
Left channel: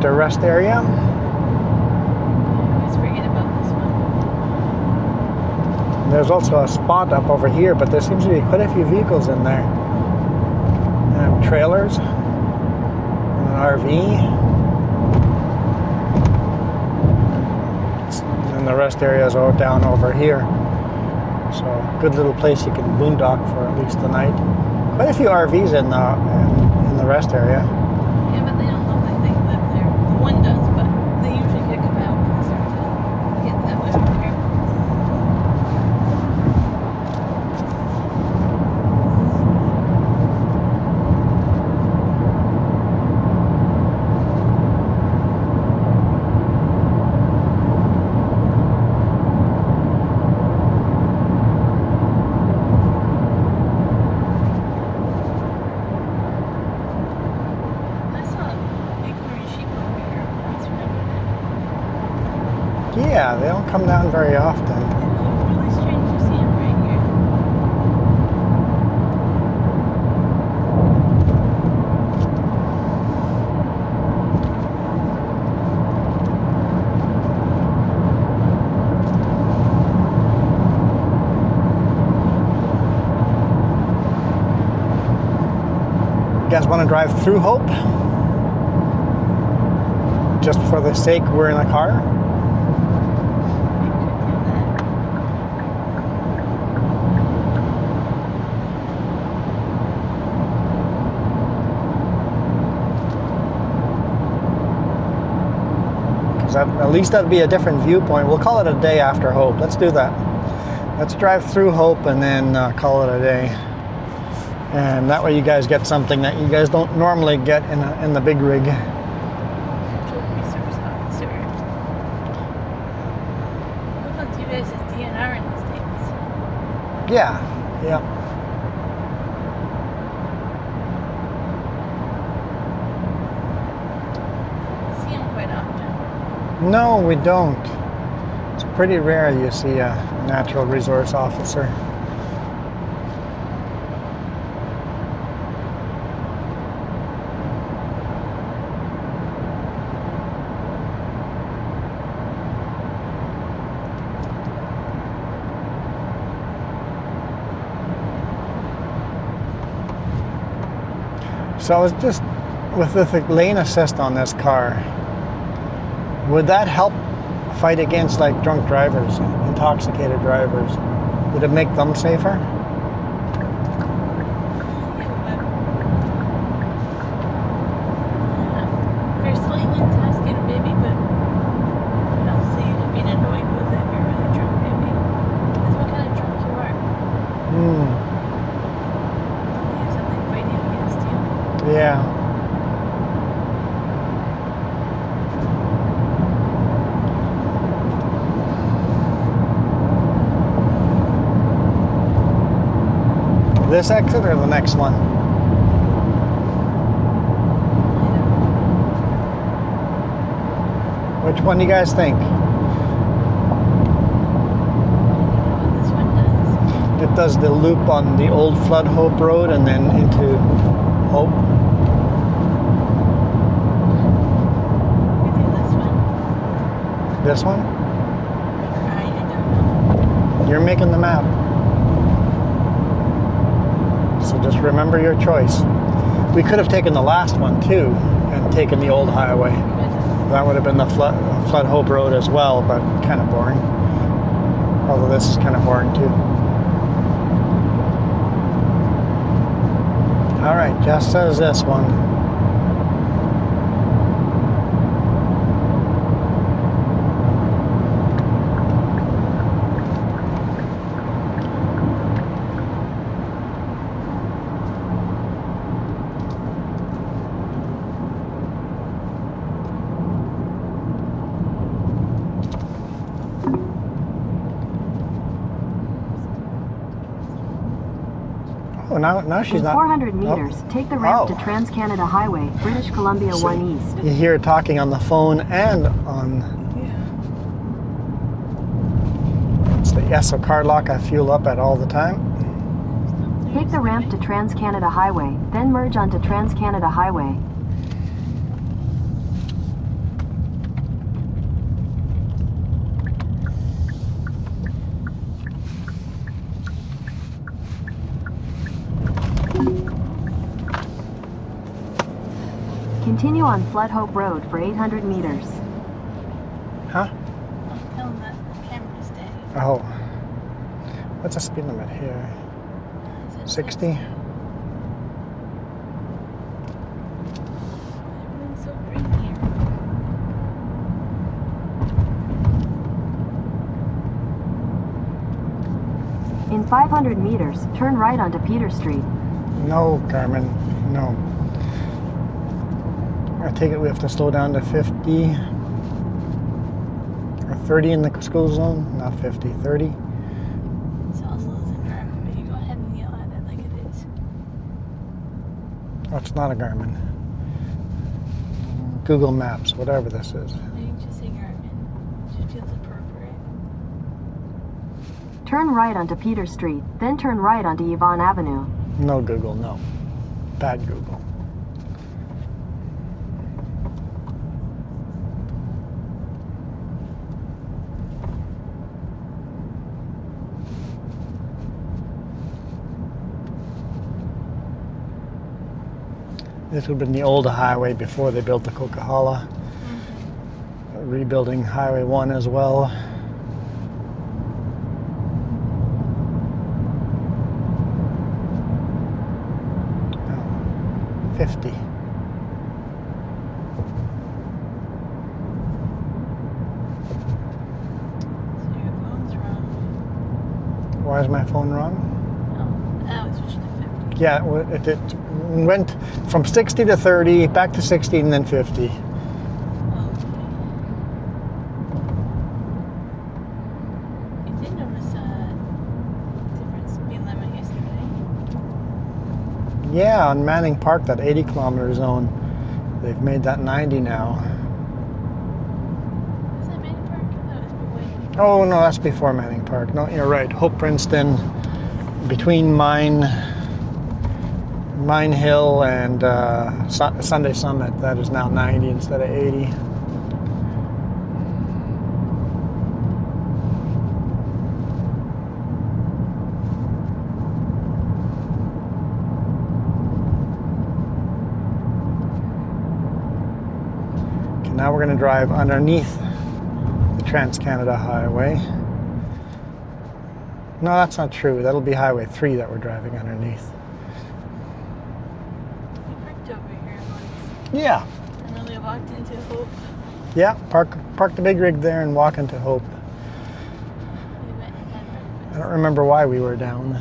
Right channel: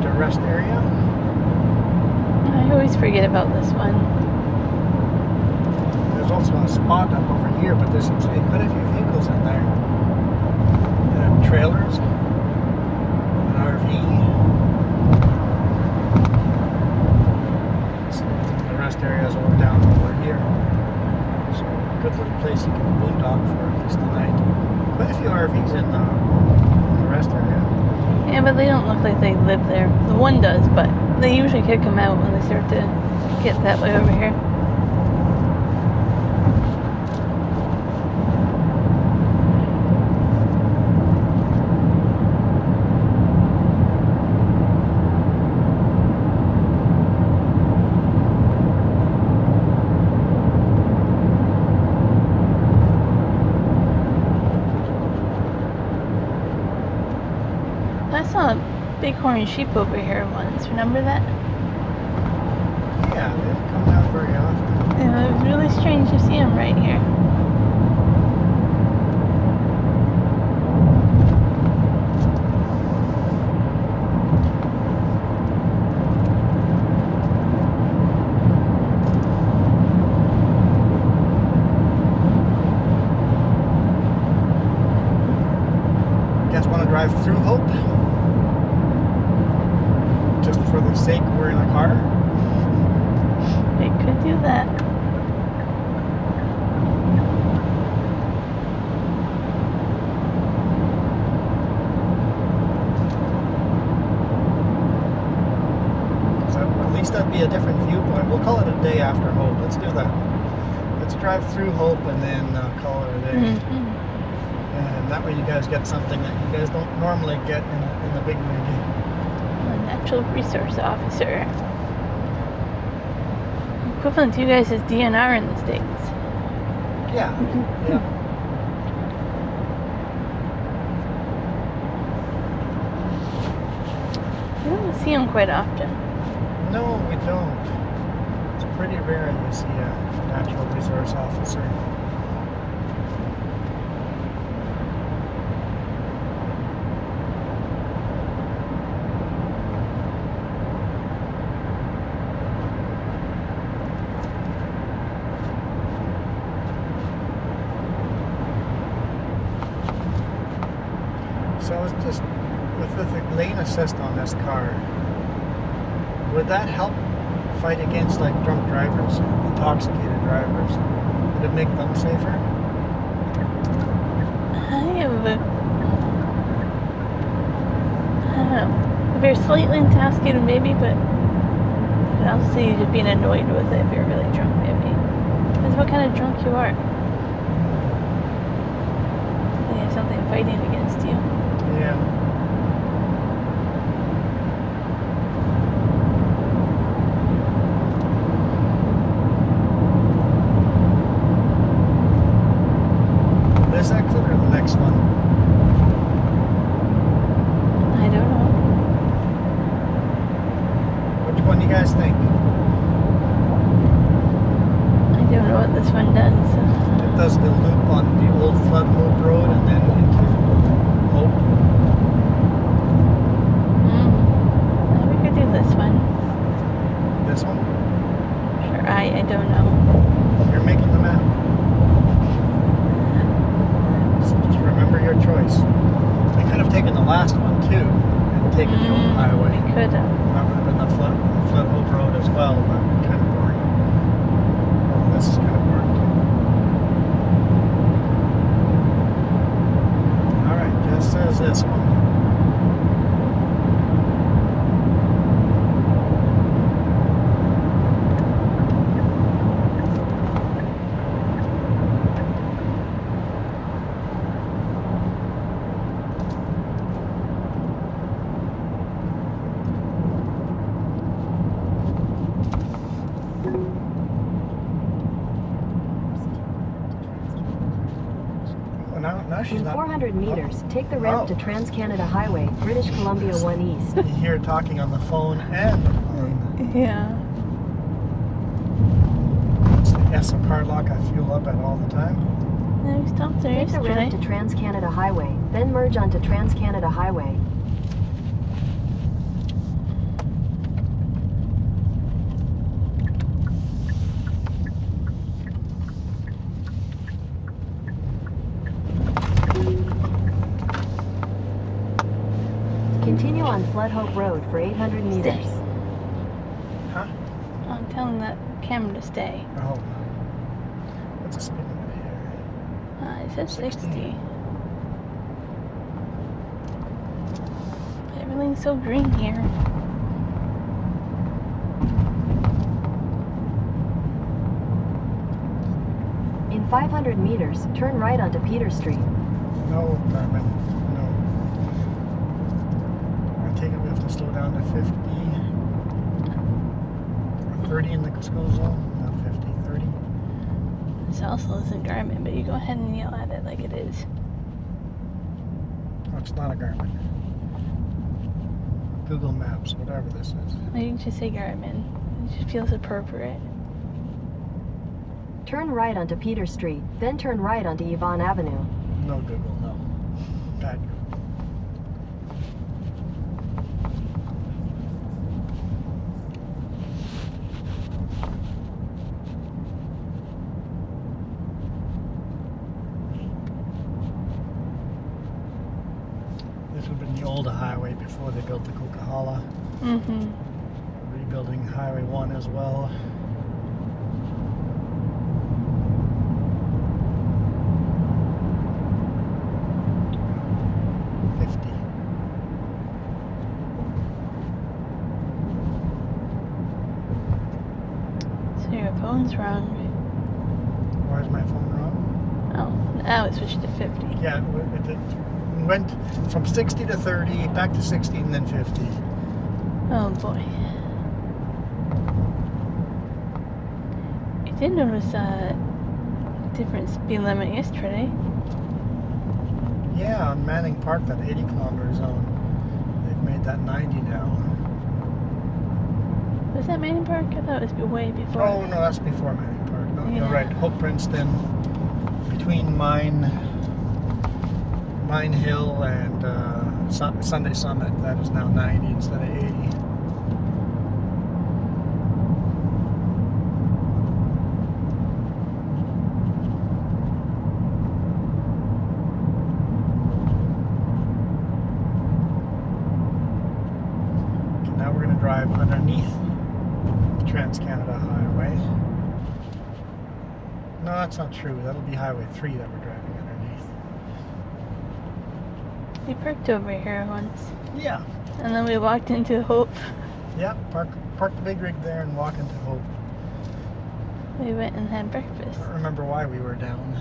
winter rest area. I always forget about this one. There's also a spot up over here, but there seems to be quite a few vehicles in there. And trailers, an RV, and the rest areas are down over here. So good little place you can boondock for at least the night. Quite a few RVs in the rest area. Yeah, but they don't look like they live there. The one does, but they usually kick them out when they start to get that way over here. Bighorn sheep over here once, remember that? Yeah, they don't come down very often. Yeah, it was really strange to see them right here. You guys want to drive through Hope? Just for the sake we're in a car? We could do that. Because at least that'd be a different viewpoint. We'll call it a day after Hope. Let's do that. Let's drive through Hope and then call it a day. Mm-hmm. And that way you guys get something that you guys don't normally get in the big rig. Natural resource officer. Equivalent to you guys is DNR in the States. Yeah, yeah. You don't see them quite often. No, we don't. It's pretty rare you see a natural resource officer. So I was just, with the lane assist on this car, would that help fight against like drunk drivers, intoxicated drivers? Would it make them safer? I don't know. If you're slightly intoxicated, maybe, but I'll see you being annoyed with it if you're really drunk, maybe. That's what kind of drunk you are. You have something fighting against you. Yeah. This exit or the next one? I don't know. Which one do you guys think? I don't know what this one does. It does the loop on the old Flood Hope Road and then into Hope. We could do this one. This one? Sure, I don't know. You're making the map. So just remember your choice. We could have taken the last one too and taken the old highway. Could have. That would have been the Flood Hope Road as well, but kind of boring. Although this is kind of boring too. All right, Jess says this one. Oh, now she's not. 400 meters. Take the ramp to Trans-Canada Highway, British Columbia 1 East. You hear her talking on the phone and on. Yeah. So car lock I fuel up at all the time. No, we stopped there. Take the ramp to Trans-Canada Highway, then merge onto Trans-Canada Highway. Continue on Flood Hope Road for 800 meters. Huh? I'm telling that camera to stay. Oh. What's the speed limit here? It said 60? Everything's so green here. In 500 meters, turn right onto Peter Street. No, Carmen. No. I take it we have to slow down to 50 or 30 in the school zone. Not 50, 30. It's also a Garmin, but you go ahead and yell at it like it is. Oh, it's not a Garmin. Google Maps, whatever this is. Well, you can just say Garmin. It just feels appropriate. Turn right onto Peter Street, then turn right onto Yvonne Avenue. No Google, no. Bad Google. This would have been the old highway before they built the Coca-Cola. Mm-hmm. Rebuilding Highway 1 as well. No, 50. So your phone's wrong. Why is my phone wrong? Oh, now it switched to 50. Yeah, it went from 60 to 30, back to 60, and then 50. Oh boy. You did notice a different speed limit yesterday. Yeah, on Manning Park, that 80-kilometer zone, they've made that 90 now. Was that Manning Park? I thought it was way before. Oh, no, that's before Manning Park. No, you're right. Hope Princeton, between Mine Hill and Sunday Summit, that is now 90 instead of 80. Okay, now we're going to drive underneath the Trans-Canada Highway. No, that's not true. That'll be Highway 3 that we're driving underneath. We parked over here once. Yeah. And then we walked into Hope. Yeah, park the big rig there and walk into Hope. We went and had breakfast. I don't remember why we were down.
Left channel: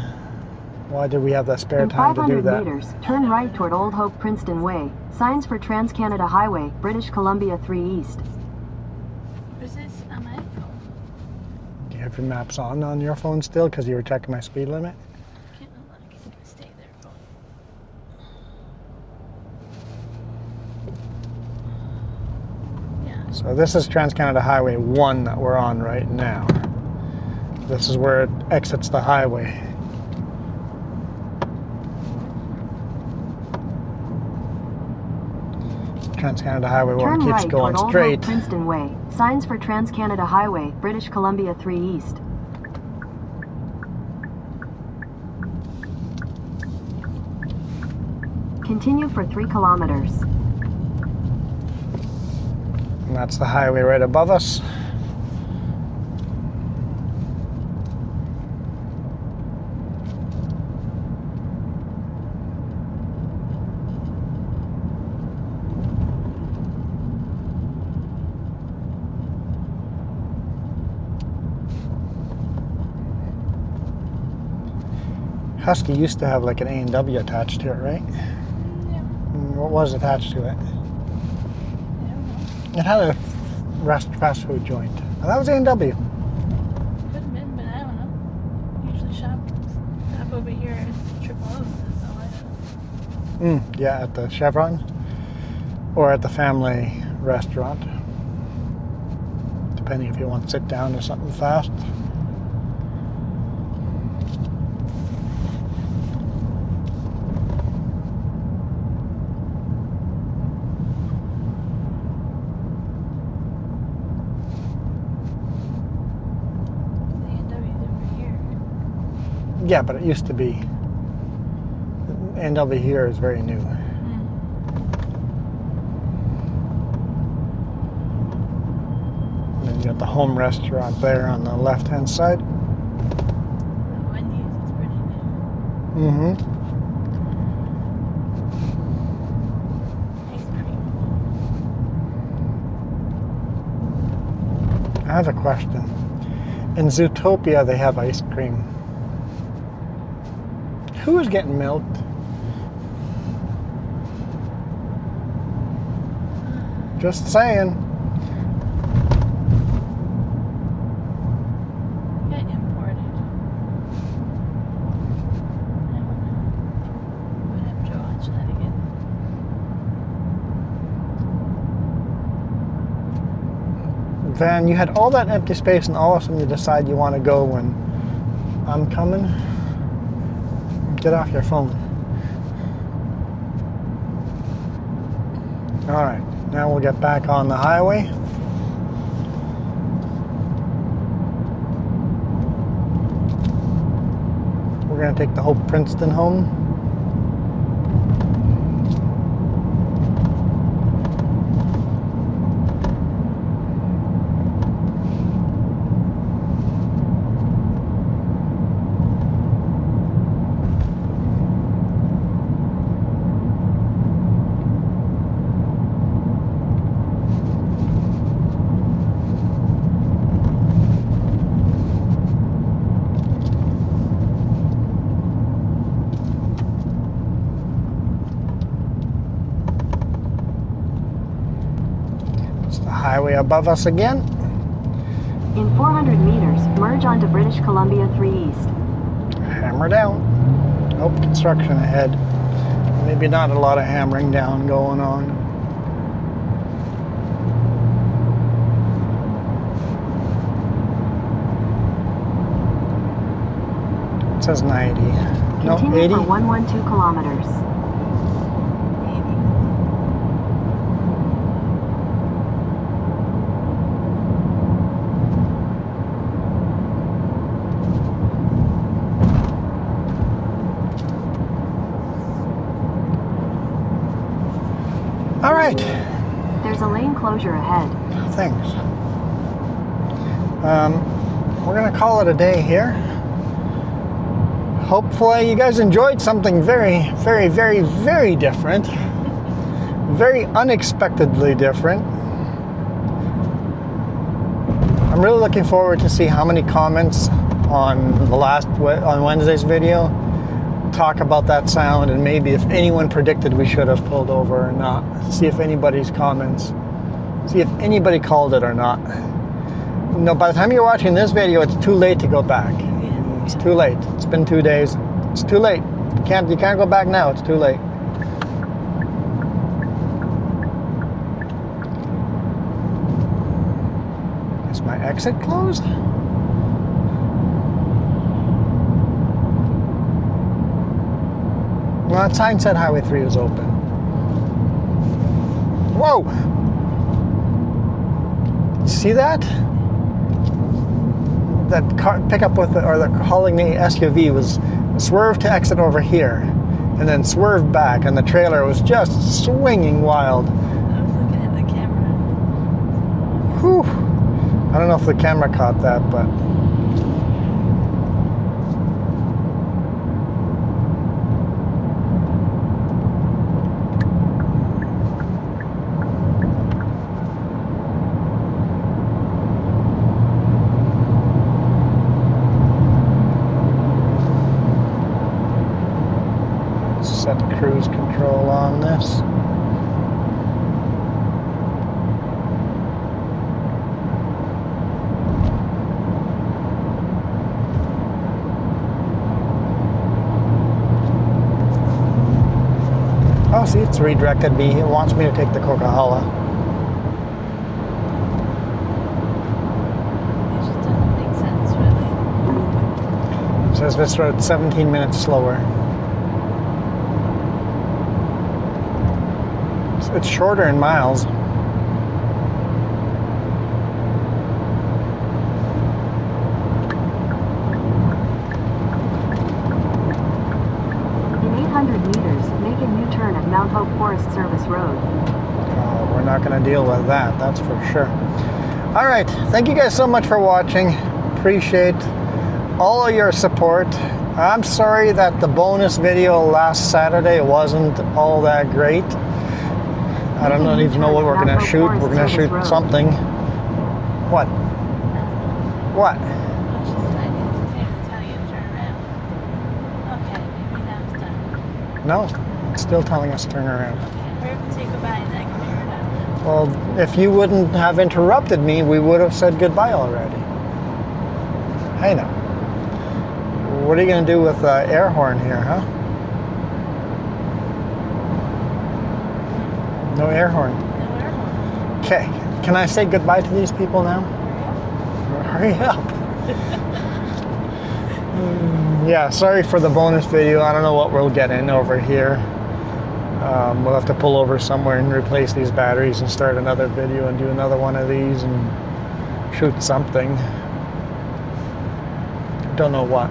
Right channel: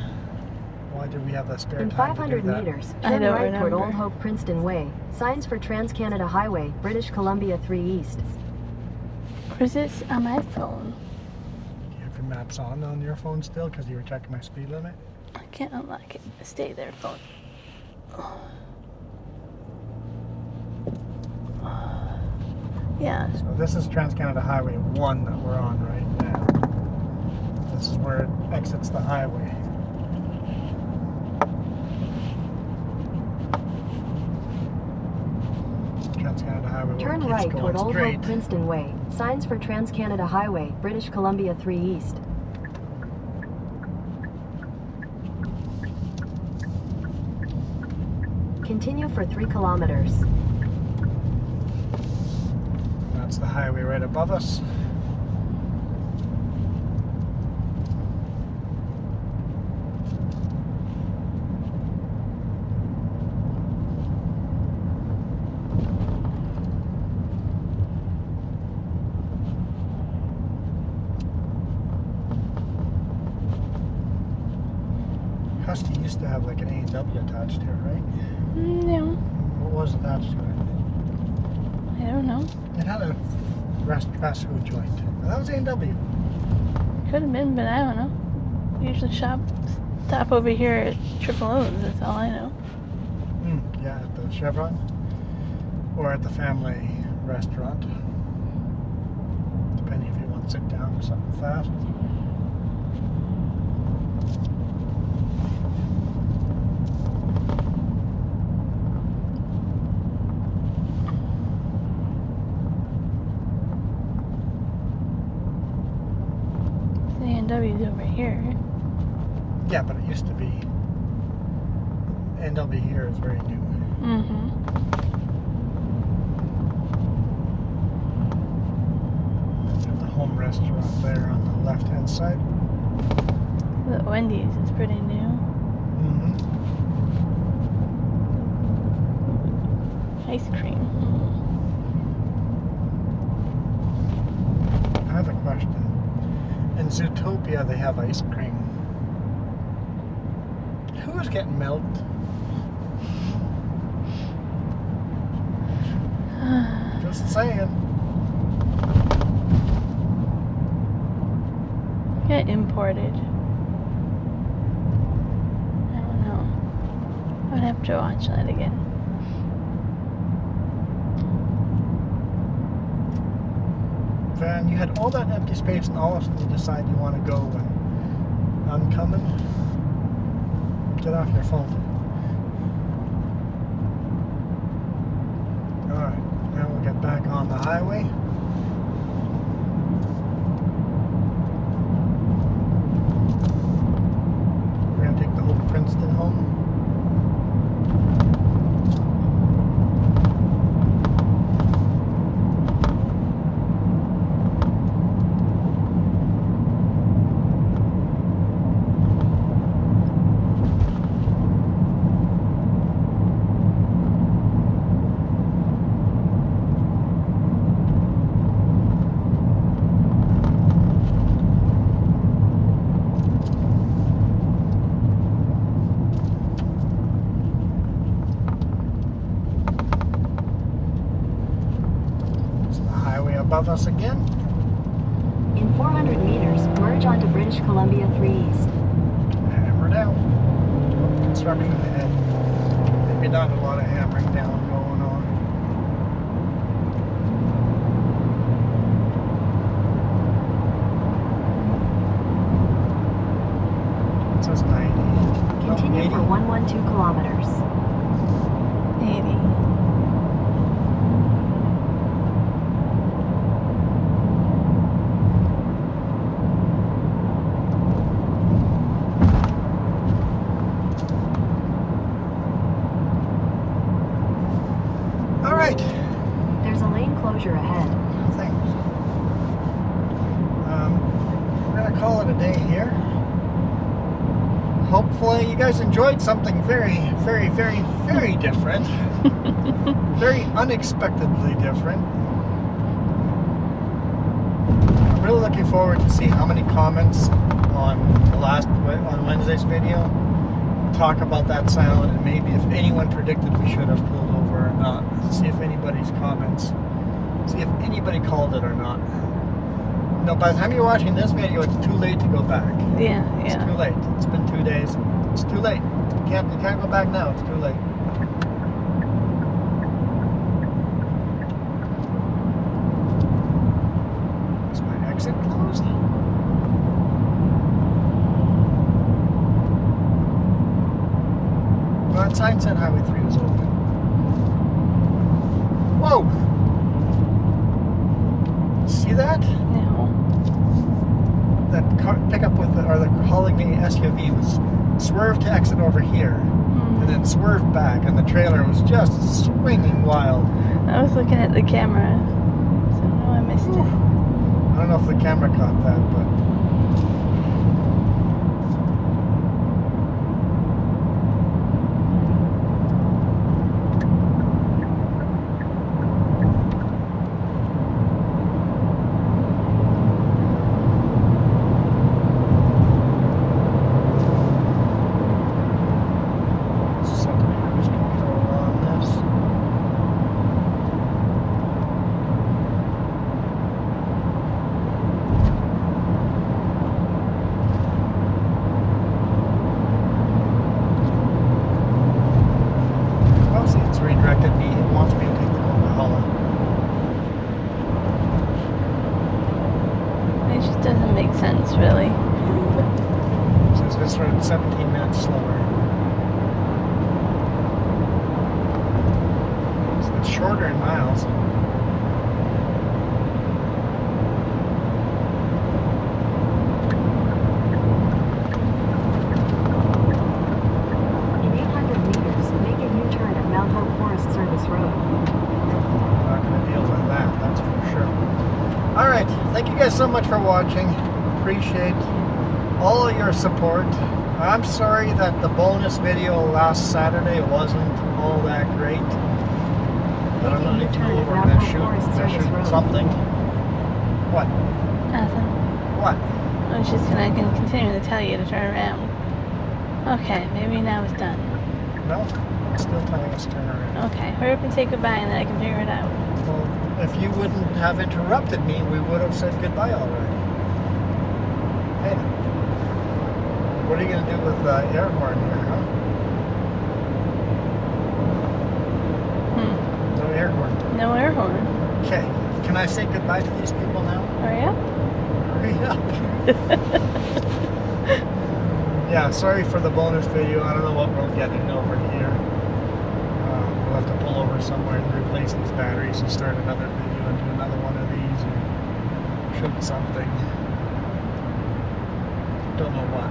Why did we have that spare In time to do 500 that? meters, I turn don't right toward remember. Old Hope Princeton Way. Signs for Trans-Canada Highway, British Columbia 3 East. Where's this on my phone? Do you have your maps on your phone still because you were checking my speed limit? I can't unlock it. Stay there, phone. Yeah. So this is Trans-Canada Highway 1 that we're on right now. This is where it exits the highway. Trans-Canada Highway 1 Turn keeps right going toward Old straight. Hope Princeton Way. Signs for Trans-Canada Highway, British Columbia 3 East. Continue for 3 kilometers. And that's the highway right above us. Husky used to have like an A&W attached to it, right? No, What was attached to it? I don't know. It had a fast food joint. That was A&W. Could have been, but I don't know. Usually stop over here at Triple O's, that's all I know. Yeah, at the Chevron or at the family restaurant, depending if you want to sit down or something fast. A&W's over here. Yeah, but it used to be. A&W here is very new. Mm-hmm. You got the home restaurant there on the left-hand side. The Wendy's is pretty new. Mm-hmm. Ice cream. I have a question. In Zootopia, they have ice cream. Who is getting milked? Just saying. Get imported. I don't know. I'd have to watch that again. Van, you had all that empty space and all of a sudden you decide you want to go when I'm coming. Get off your phone. Alright, now we'll get back on the highway. We're going to take the Hope Princeton home. Highway above us again. In 400 meters, merge onto British Columbia 3 East. Hammer down. Oh, construction ahead. Maybe not a lot of hammering down going on. It says 90. No, Continue 80. for 112 kilometers. 80. All right. There's a lane closure ahead. Thanks. We're gonna call it a day here. Hopefully you guys enjoyed something very, very, very, very different. Very unexpectedly different. I'm really looking forward to see how many comments on Wednesday's video talk about that sound, and maybe if anyone predicted we should have pulled over or not. See if anybody's comments. See if anybody called it or not. No, by the time you're watching this video, it's too late to go back. Yeah. It's too late. It's been 2 days. It's too late. You can't go back now. It's too late. Is my exit closed? Well, that sign said Highway 3 was open. Whoa! See that? No. That car pickup or the hauling the SUV was swerved to exit over here, and then swerved back, and the trailer was just swinging wild. I was looking at the camera, so I missed Whew. it. I don't know if the camera caught that, but set cruise control on this. Oh, see, it's redirected me. It wants me to take the Coca-Cola. It just doesn't make sense, really. It says this road's 17 minutes slower. It's shorter in miles. In 800 meters, make a U-turn at Mount Hope Forest Service Road. Oh, we're not going to deal with that, that's for sure. All right, thank you guys so much for watching. Appreciate all of your support. I'm sorry that the bonus video last Saturday wasn't all that great. I don't even know what we're gonna shoot. We're gonna shoot something. What? Nothing. What? I was just gonna continue to tell you to turn around. Okay, maybe now it's done. No, it's still telling us to turn around. Okay, hurry up and say goodbye and then I can figure it out. Well, if you wouldn't have interrupted me, we would have said goodbye already. Hey now. What are you gonna do with air horn here, huh? No air horn. No air horn. Okay, can I say goodbye to these people now? Hurry up. Hurry up. Yeah, sorry for the bonus video. I don't know what we'll get in over here. We'll have to pull over somewhere and replace these batteries and start another video and do another one of these and shoot something. Don't know what.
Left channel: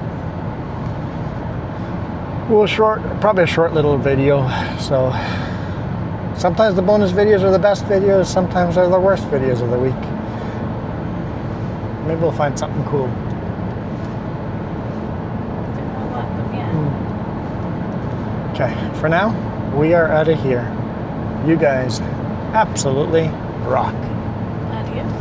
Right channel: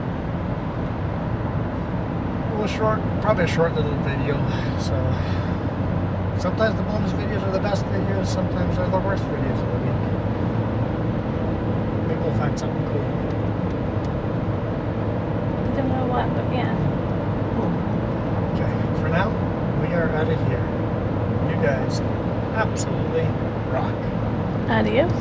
Well, probably a short little video. So sometimes the bonus videos are the best videos, sometimes they're the worst videos of the week. Maybe we'll find something cool. Don't know what, but yeah. Okay, for now, we are out of here. You guys absolutely rock. Adios.